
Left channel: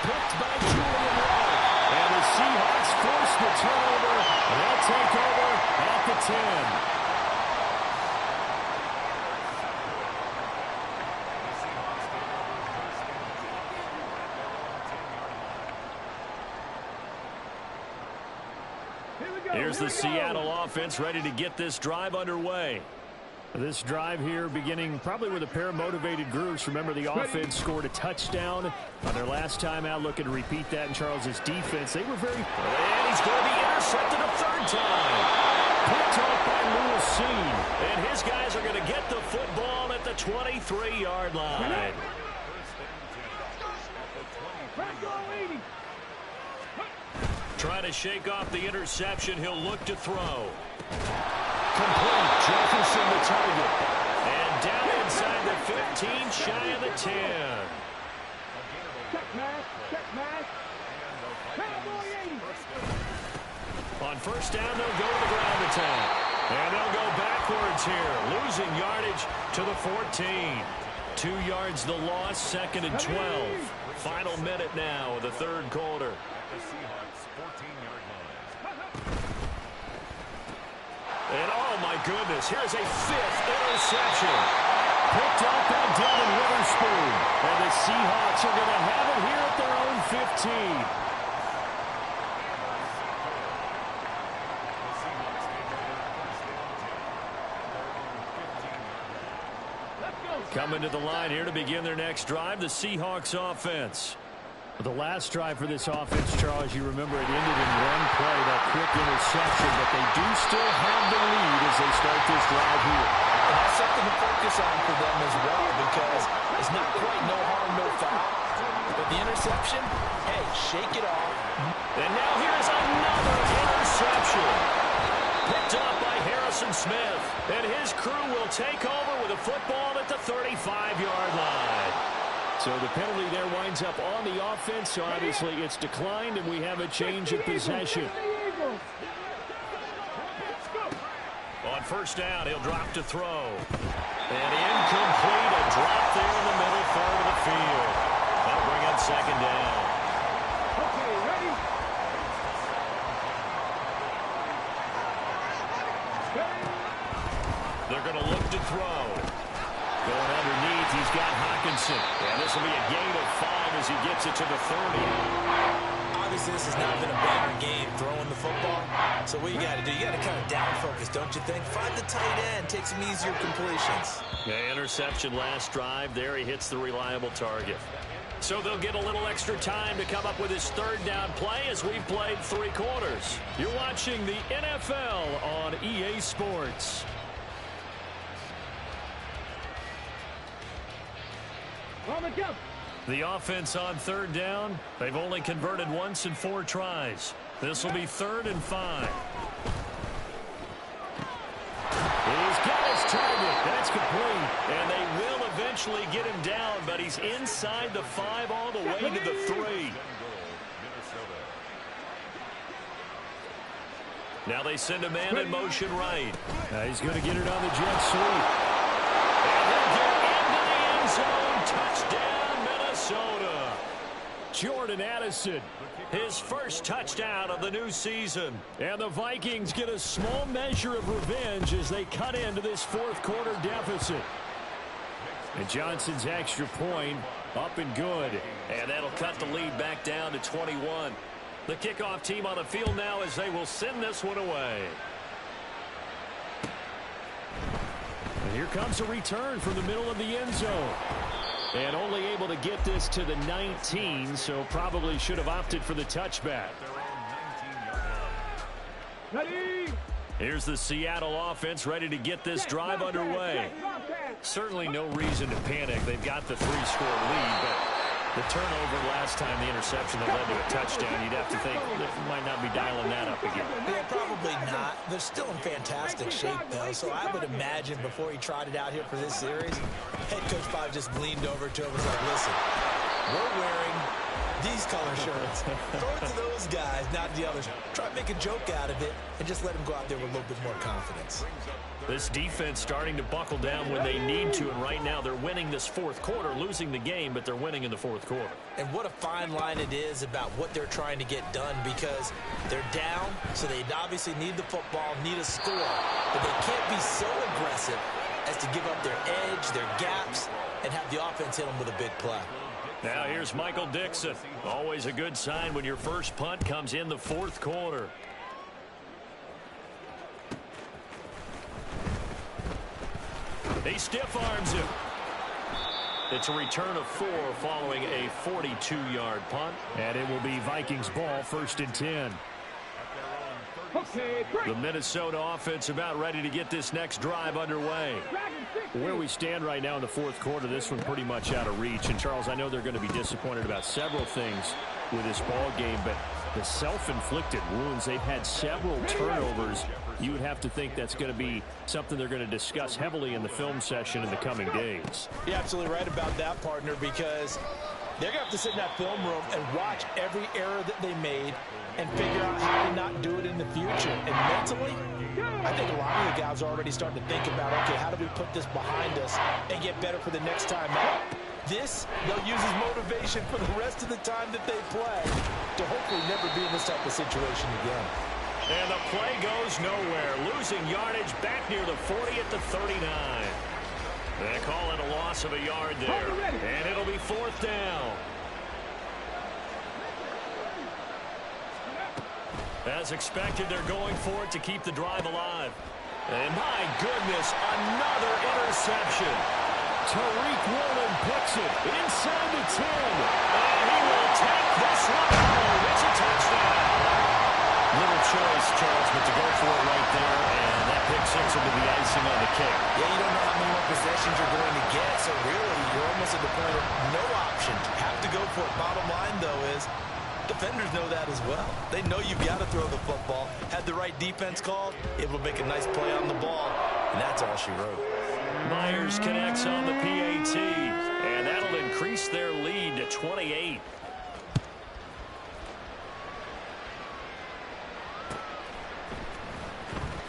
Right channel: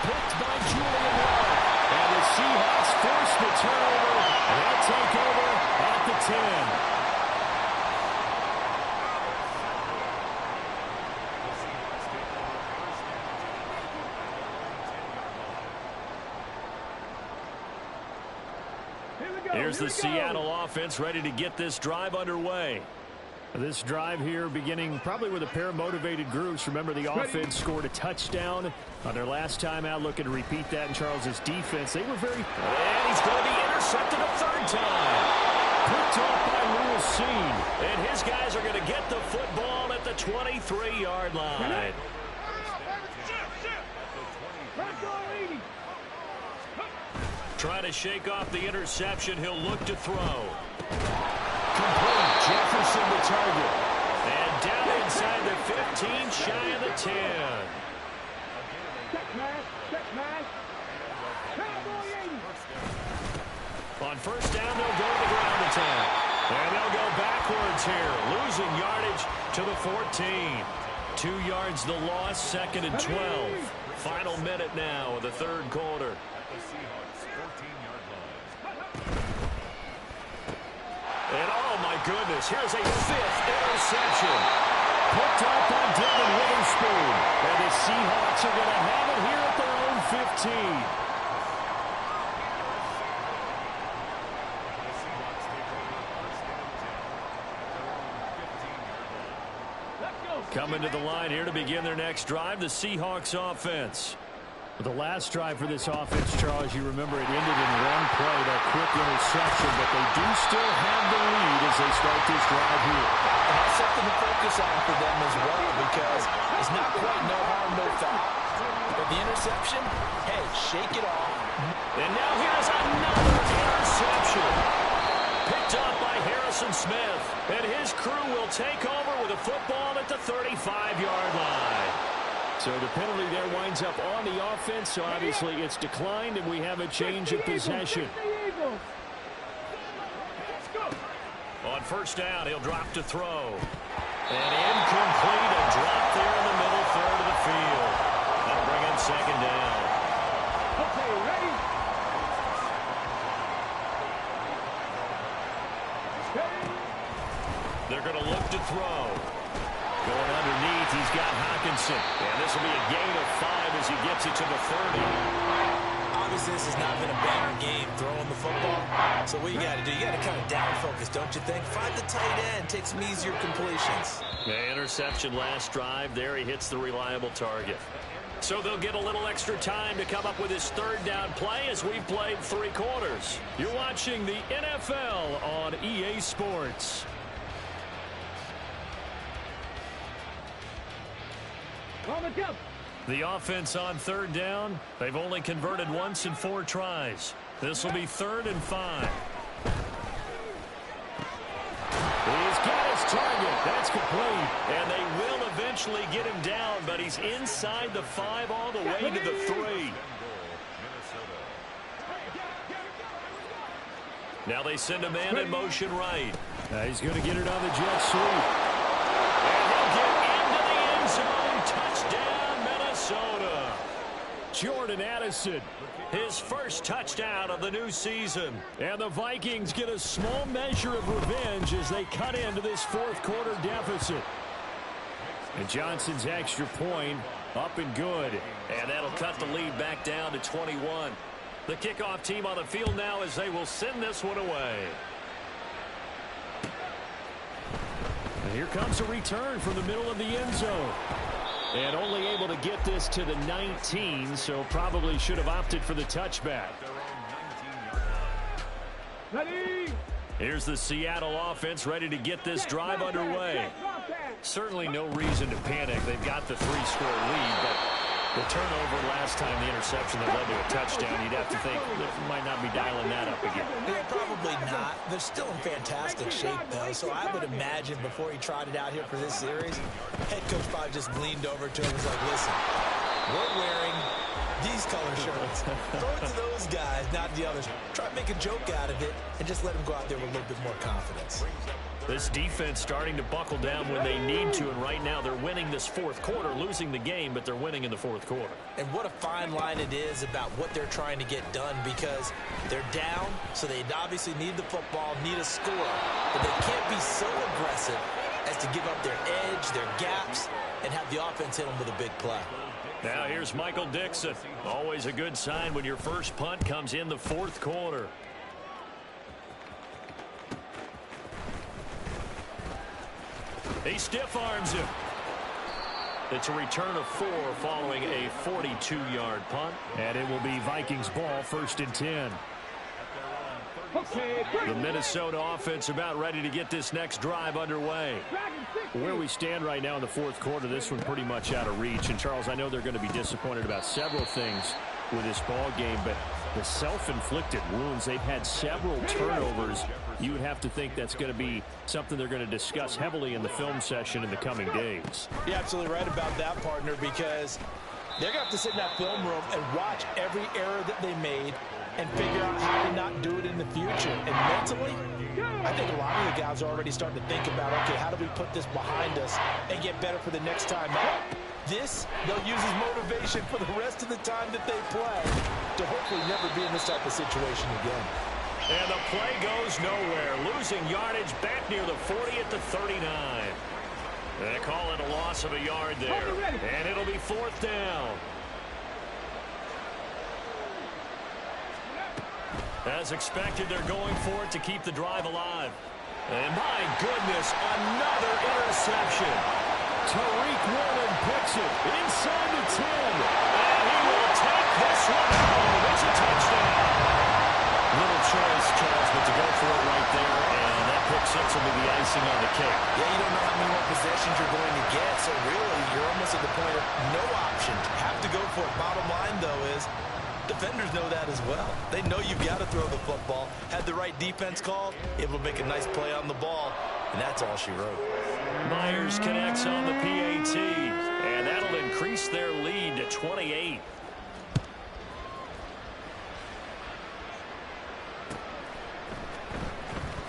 Picked by Julian Love. And the Seahawks force the turnover, and they'll take over at the 10. The Seahawks take over 1st and 10 at their own 10-yard line. Here we go. Here's the Seattle offense ready to get this drive underway. This drive here beginning probably with a pair of motivated groups. Remember, the offense scored a touchdown on their last time out. Looking to repeat that in Charles's defense. They were very... And he's going to be intercepted a 3rd time. Picked off by Lewis Cine. And his guys are going to get the football at the 23-yard line. 1st and 10 at the 23-yard line. Trying to shake off the interception. He'll look to throw. Complete. Jefferson the target. And down inside the 15, shy of the 10. Check mash. Check mash. Cowboy 80. On 1st down, they'll go to the ground attack. And they'll go backwards here. Losing yardage to the 14. 2 yards the loss, 2nd and 12. Final minute now of the 3rd quarter. At the Seahawks 14-yard line. And oh my goodness, here's a 5th interception. Picked up by Devin Witherspoon. And the Seahawks are going to have it here at their own 15. The Seahawks take over 1st and 10 at their own 15-yard line. Let's go. Coming to the line here to begin their next drive, the Seahawks offense. The last drive for this offense, Charles, you remember it ended in one play, that quick interception, but they do still have the lead as they start this drive here. And that's something to focus on for them as well, because it's not quite no harm, no foul. But the interception, hey, shake it off. And now here is another interception. Picked off by Harrison Smith. And his crew will take over with a football at the 35-yard line. So the penalty there winds up on the offense. So obviously it's declined, and we have a change of possession. On 1st down, he'll drop to throw. And incomplete, a drop there in the middle 3rd of the field. That'll bring up 2nd down. Okay, ready? They're going to look to throw. Going underneath, he's got Hockenson. And this will be a gain of 5 as he gets it to the 30. Obviously, this has not been a banner game throwing the football. So what you got to do, you got to kind of down focus, don't you think? Find the tight end, take some easier completions. Yeah, interception last drive. There he hits the reliable target. So they'll get a little extra time to come up with his 3rd down play as we've played 3 quarters. You're watching the NFL on EA Sports. On the jump. The offense on 3rd down. They've only converted once in 4 tries. This will be 3rd and 5. He's got his target. That's complete. And they will eventually get him down, but he's inside the 5 all the way to the 3. Now they send a man in motion right. He's going to get it on the jet sweep. And he'll get into the end zone. Touchdown, Minnesota. Jordan Addison, his first touchdown of the new season. And the Vikings get a small measure of revenge as they cut into this fourth quarter deficit. And Johnson's extra point up and good. And that'll cut the lead back down to 21. The kickoff team on the field now as they will send this one away. And here comes a return from the middle of the end zone. And only able to get this to the 19, so probably should have opted for the touchback. Here's the Seattle offense ready to get this drive underway. Certainly no reason to panic. They've got the 3-score lead, but the turnover last time, the interception that led to a touchdown, you'd have to think they might not be dialing that up again. Yeah, probably not. They're still in fantastic shape, though, so I would imagine before he trotted out here for this series, head coach probably just leaned over to him and was like, listen, we're wearing these color shirts. Throw it to those guys, not the others. Try to make a joke out of it and just let them go out there with a little bit more confidence. This defense starting to buckle down when they need to, and right now they're winning this fourth quarter, losing the game, but they're winning in the fourth quarter. And what a fine line it is about what they're trying to get done, because they're down, so they obviously need the football, need a score, but they can't be so aggressive as to give up their edge, their gaps, and have the offense hit them with a big play. Now here's Michael Dixon. Always a good sign when your first punt comes in the fourth quarter. He stiff arms him. It's a return of 4 following a 42-yard punt. And it will be Vikings ball, 1st and 10. The Minnesota offense about ready to get this next drive underway. Where we stand right now in the fourth quarter, this one pretty much out of reach. And, Charles, I know they're going to be disappointed about several things with this ball game, but the self-inflicted wounds, they've had several turnovers. You would have to think that's going to be something they're going to discuss heavily in the film session in the coming days. You're absolutely right about that, partner, because they're going to have to sit in that film room and watch every error that they made and figure out how to not do it in the future. And mentally, I think a lot of the guys are already starting to think about, okay, how do we put this behind us and get better for the next time out? This, they'll use as motivation for the rest of the time that they play to hopefully never be in this type of situation again. And the play goes nowhere. Losing yardage back near the 40 at the 39. They call it a loss of a yard there. And it'll be 4th down. As expected, they're going for it to keep the drive alive. And my goodness, another interception. Tariq Woolen picks it inside the 10. And he will take this one home. It's a touchdown. Little choice, Charles, but to go for it right there, and that pick 6 will be the icing on the cake. Yeah, you don't know how many more possessions you're going to get, so really you're almost at the point of no option. Have to go for it. Bottom line, though, is defenders know that as well. They know you've got to throw the football. Had the right defense called, able to make a nice play on the ball, and that's all she wrote. Myers connects on the PAT, and that'll increase their lead to 28.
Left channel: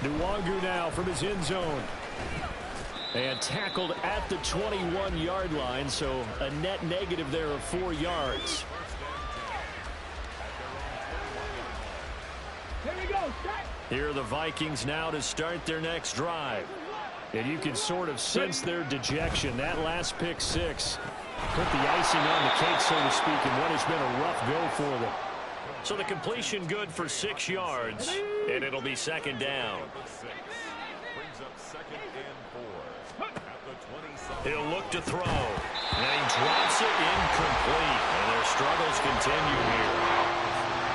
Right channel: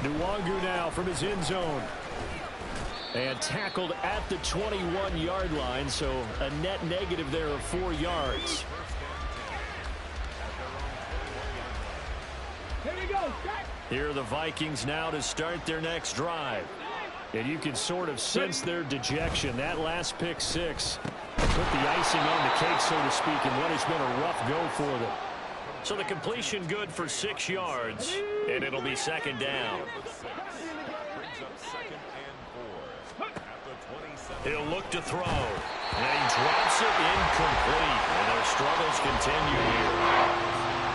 Nwangu now from his end zone. And tackled at the 21-yard line, so a net negative there of 4 yards. Here we go. Here are the Vikings now to start their next drive. And you can sort of sense their dejection. That last pick 6 put the icing on the cake, so to speak, in what has been a rough go for them. So the completion good for 6 yards, and it'll be 2nd down. Brings up 2nd and 4 at the 27. He'll look to throw, and he drops it incomplete, and their struggles continue here.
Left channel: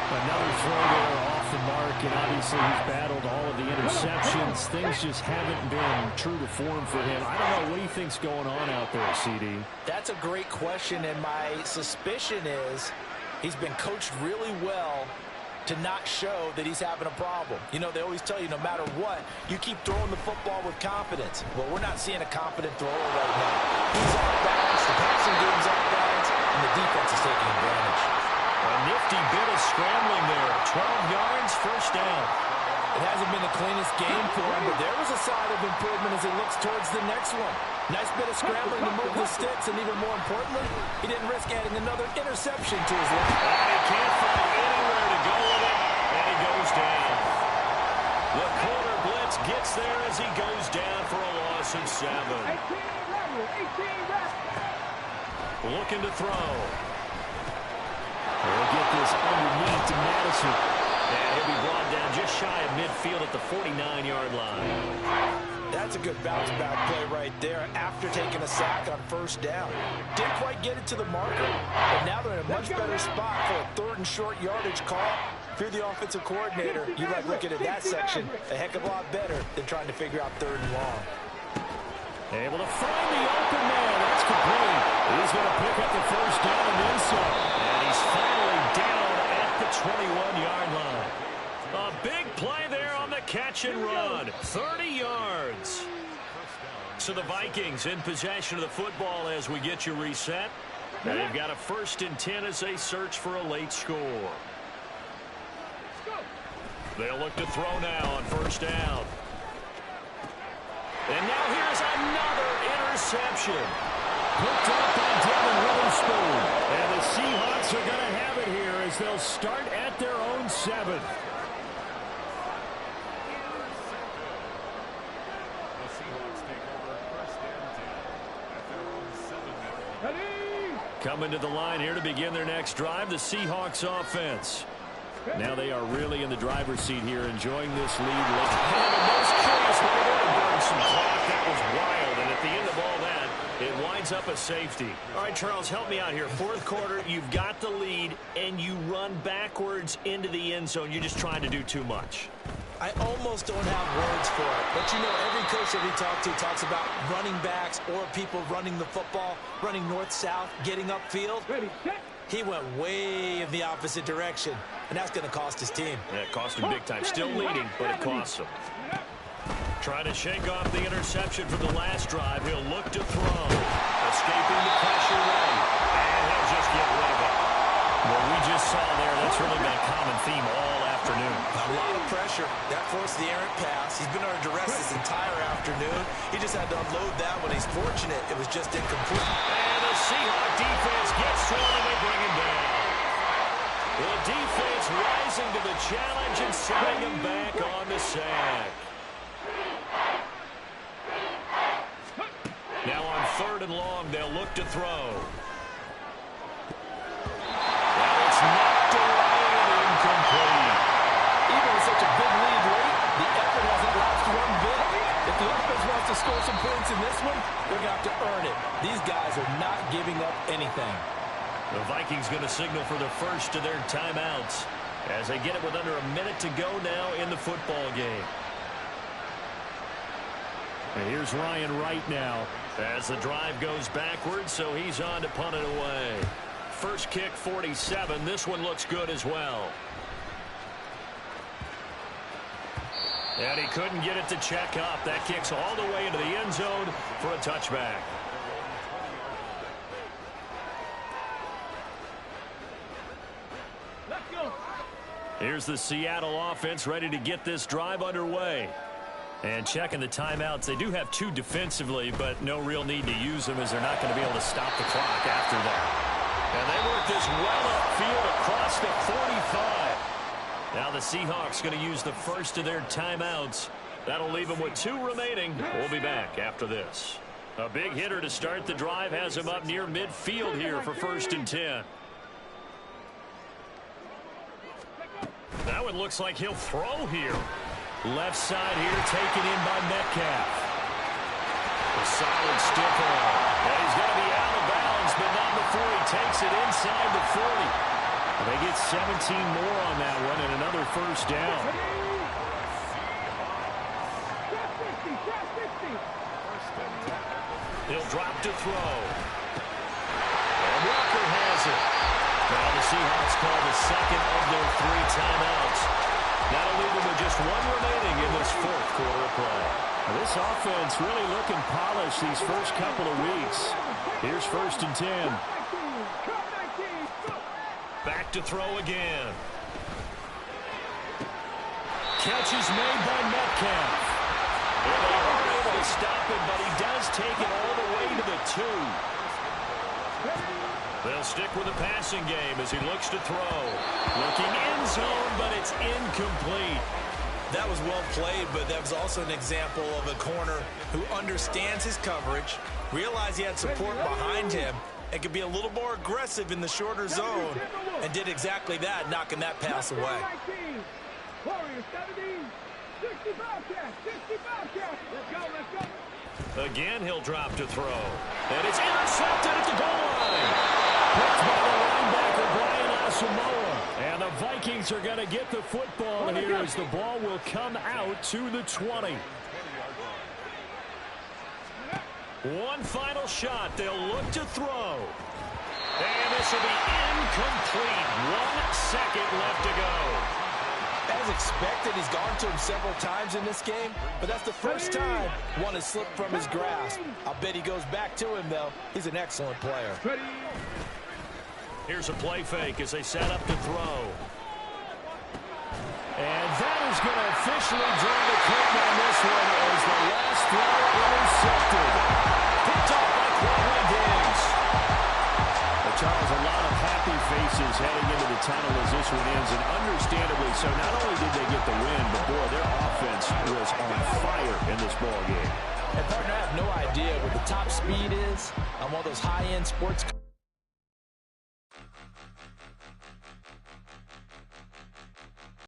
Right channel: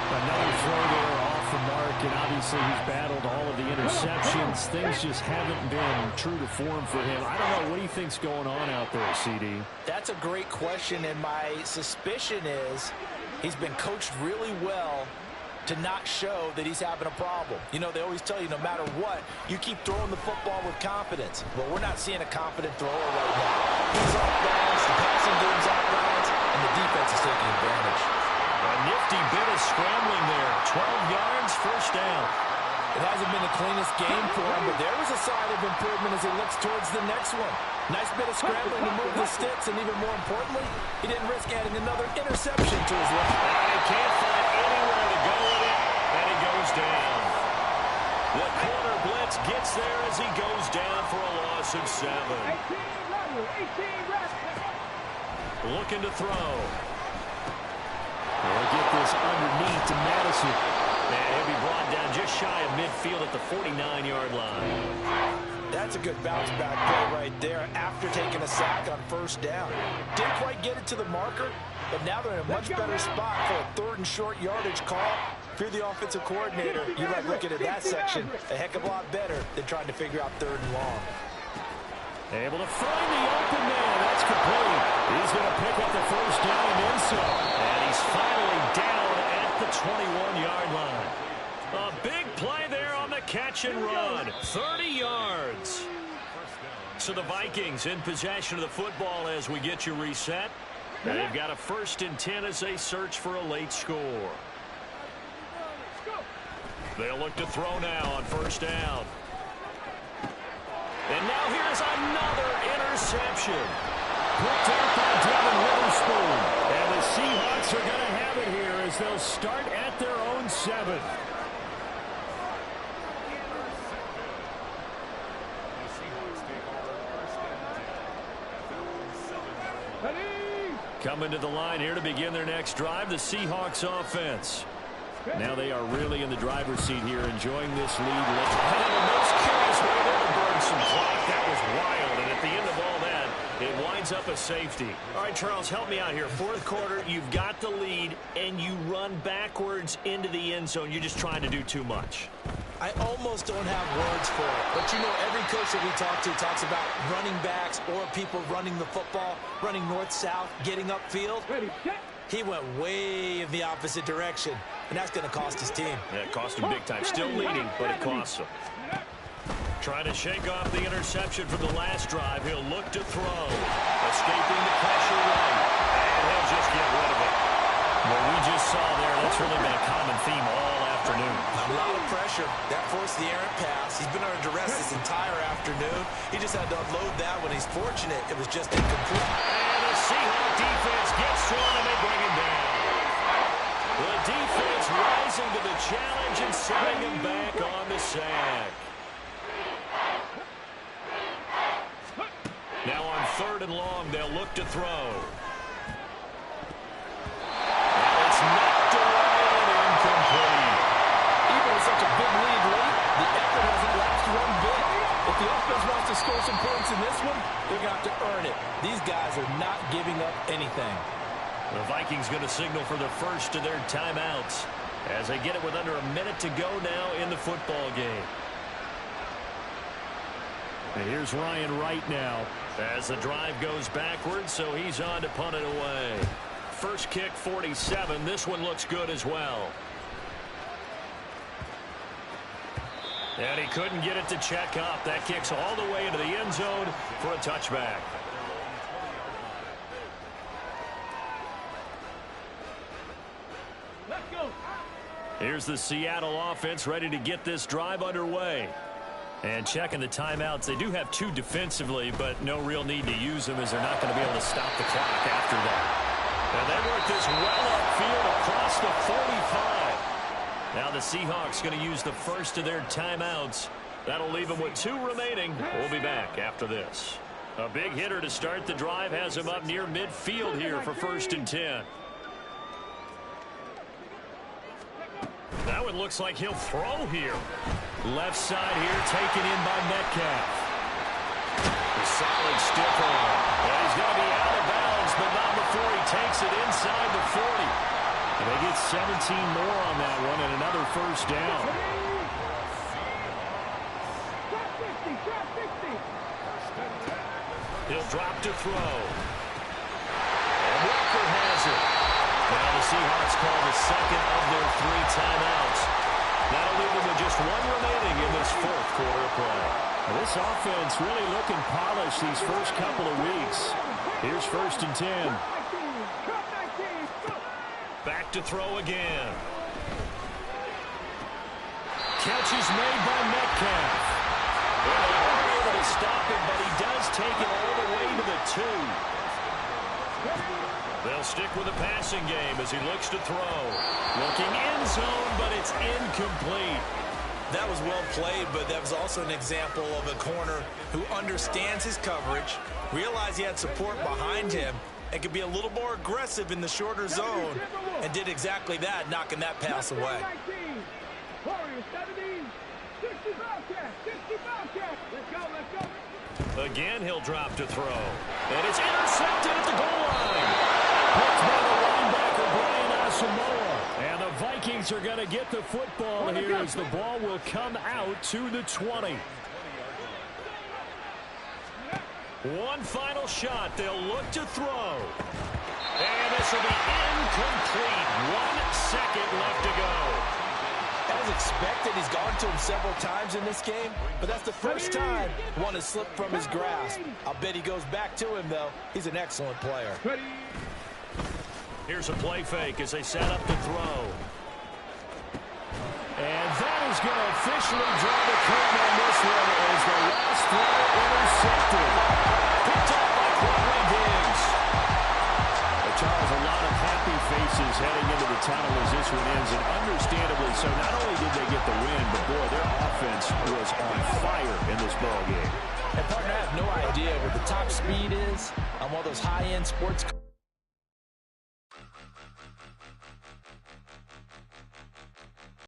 Another throw there off the mark, and obviously he's battled all of the interceptions. Things just haven't been true to form for him. I don't know. What do you think's going on out there, CD? That's a great question, and my suspicion is he's been coached really well to not show that he's having a problem. You know, they always tell you no matter what, you keep throwing the football with confidence. Well, we're not seeing a confident thrower right now. He's off balance, the passing game's off balance, and the defense is taking advantage. A nifty bit of scrambling there. 12 yards, first down. It hasn't been the cleanest game for him, but there was a sign of improvement as he looks towards the next one. Nice bit of scrambling to move the sticks, and even more importantly, he didn't risk adding another interception to his list. And he can't find anywhere to go with it, and he goes down. The corner blitz gets there as he goes down for a loss of 7. 18 level, 18 reps. Looking to throw. They'll get this underneath to Madison. And he'll be brought down just shy of midfield at the 49-yard line. That's a good bounce-back play right there after taking a sack on first down. Didn't quite get it to the marker, but now they're in a much better spot for a third and short yardage call. If you're the offensive coordinator, you like looking at that section a heck of a lot better than trying to figure out third and long. Able to find the open man. That's complete. He's going to pick up the first down and then some. And he's finally down at the 21-yard line. A big play there on the catch and run. 30 yards. So the Vikings in possession of the football as we get you reset. And they've got a 1st and 10 as they search for a late score. They'll look to throw now on first down. And now here's another interception. Picked up by Devin Witherspoon. And the Seahawks are going to have it here as they'll start at their own 7. The Seahawks take over 1st and 10 at their own 7-yard line. Coming to the line here to begin their next drive, the Seahawks offense. Now they are really in the driver's seat here, enjoying this lead. And the most curious way there to burn some clock. That was wild, and at the end of all that, it winds up a safety. All right, Charles, help me out here. 4th quarter, you've got the lead, and you run backwards into the end zone. You're just trying to do too much. I almost don't have words for it. But, you know, every coach that we talk to talks about running backs or people running the football, running north-south, getting upfield. Ready, set. He went way in the opposite direction, and that's going to cost his team. Yeah, it cost him big time. Still leading, but it costs him. Trying to shake off the interception from the last drive. He'll look to throw. Escaping the pressure right, and he'll just get rid of it. What we just saw there, that's really been a common theme all afternoon. A lot of pressure. That forced the errant pass. He's been under duress this entire afternoon. He just had to unload that when he's fortunate. It was just incomplete. And the Seahawk defense gets to him, and they bring him down. The defense rising to the challenge and sending him back on the sack. Now on 3rd and long, they'll look to throw. And it's knocked away and incomplete. Even with such a big lead late, the effort hasn't lapsed one bit. If the offense wants to score some points in this one, they're going to have to earn it. These guys are not giving up anything. The Vikings going to signal for the first of their timeouts as they get it with under a minute to go now in the football game. And here's Ryan Wright now as the drive goes backwards, so he's on to punt it away. First kick, 47. This one looks good as well. And he couldn't get it to check up. That kicks all the way into the end zone for a touchback. Let's go. Here's the Seattle offense ready to get this drive underway. And checking the timeouts, they do have 2 defensively, but no real need to use them as they're not going to be able to stop the clock after that. And they work this well upfield across the 45. Now the Seahawks going to use the first of their timeouts. That'll leave them with 2 remaining. We'll be back after this. A big hitter to start the drive has him up near midfield here for 1st and 10. That one looks like he'll throw here. Left side here taken in by Metcalf. A solid stiff arm. And he's going to be out of bounds, but not before he takes it inside the 40. And they get 17 more on that one and another first down. Trap 60, trap 60. 1st and 10. He'll drop to throw. And Walker has it. Now the Seahawks call the second of their 3 timeouts. That'll leave them with just 1 remaining in this 4th quarter of play. Now this offense really looking polished these first couple of weeks. Here's 1st and 10. Back to throw again. Catch is made by Metcalf. And they aren't able to stop him, but he does take it all the way to the 2. They'll stick with the passing game as he looks to throw. Looking end zone, but it's incomplete. That was well played, but that was also an example of a corner who understands his coverage, realized he had support behind him, and could be a little more aggressive in the shorter zone, and did exactly that, knocking that pass away. Again, he'll drop to throw. And it's intercepted at the goal line. Picked by the linebacker, Brian Asamoah. And the Vikings are going to get the football here as the ball will come out to the 20. One final shot. They'll look to throw. And this will be incomplete. 1 second left to go. As expected, he's gone to him several times in this game, but that's the first time one has slipped from his grasp. I'll bet he goes back to him, though. He's an excellent player. Here's a play fake as they set up to throw. And that is going to officially draw the curtain on this one as the last throw intercepted. Picked off by Quandre Diggs. Charles, a lot of happy faces heading into the tunnel as this one ends, and understandably so. Not only did they get the win, but boy, their offense was on fire in this ball game. And partner, I have no idea what the top speed is on one of those high-end sports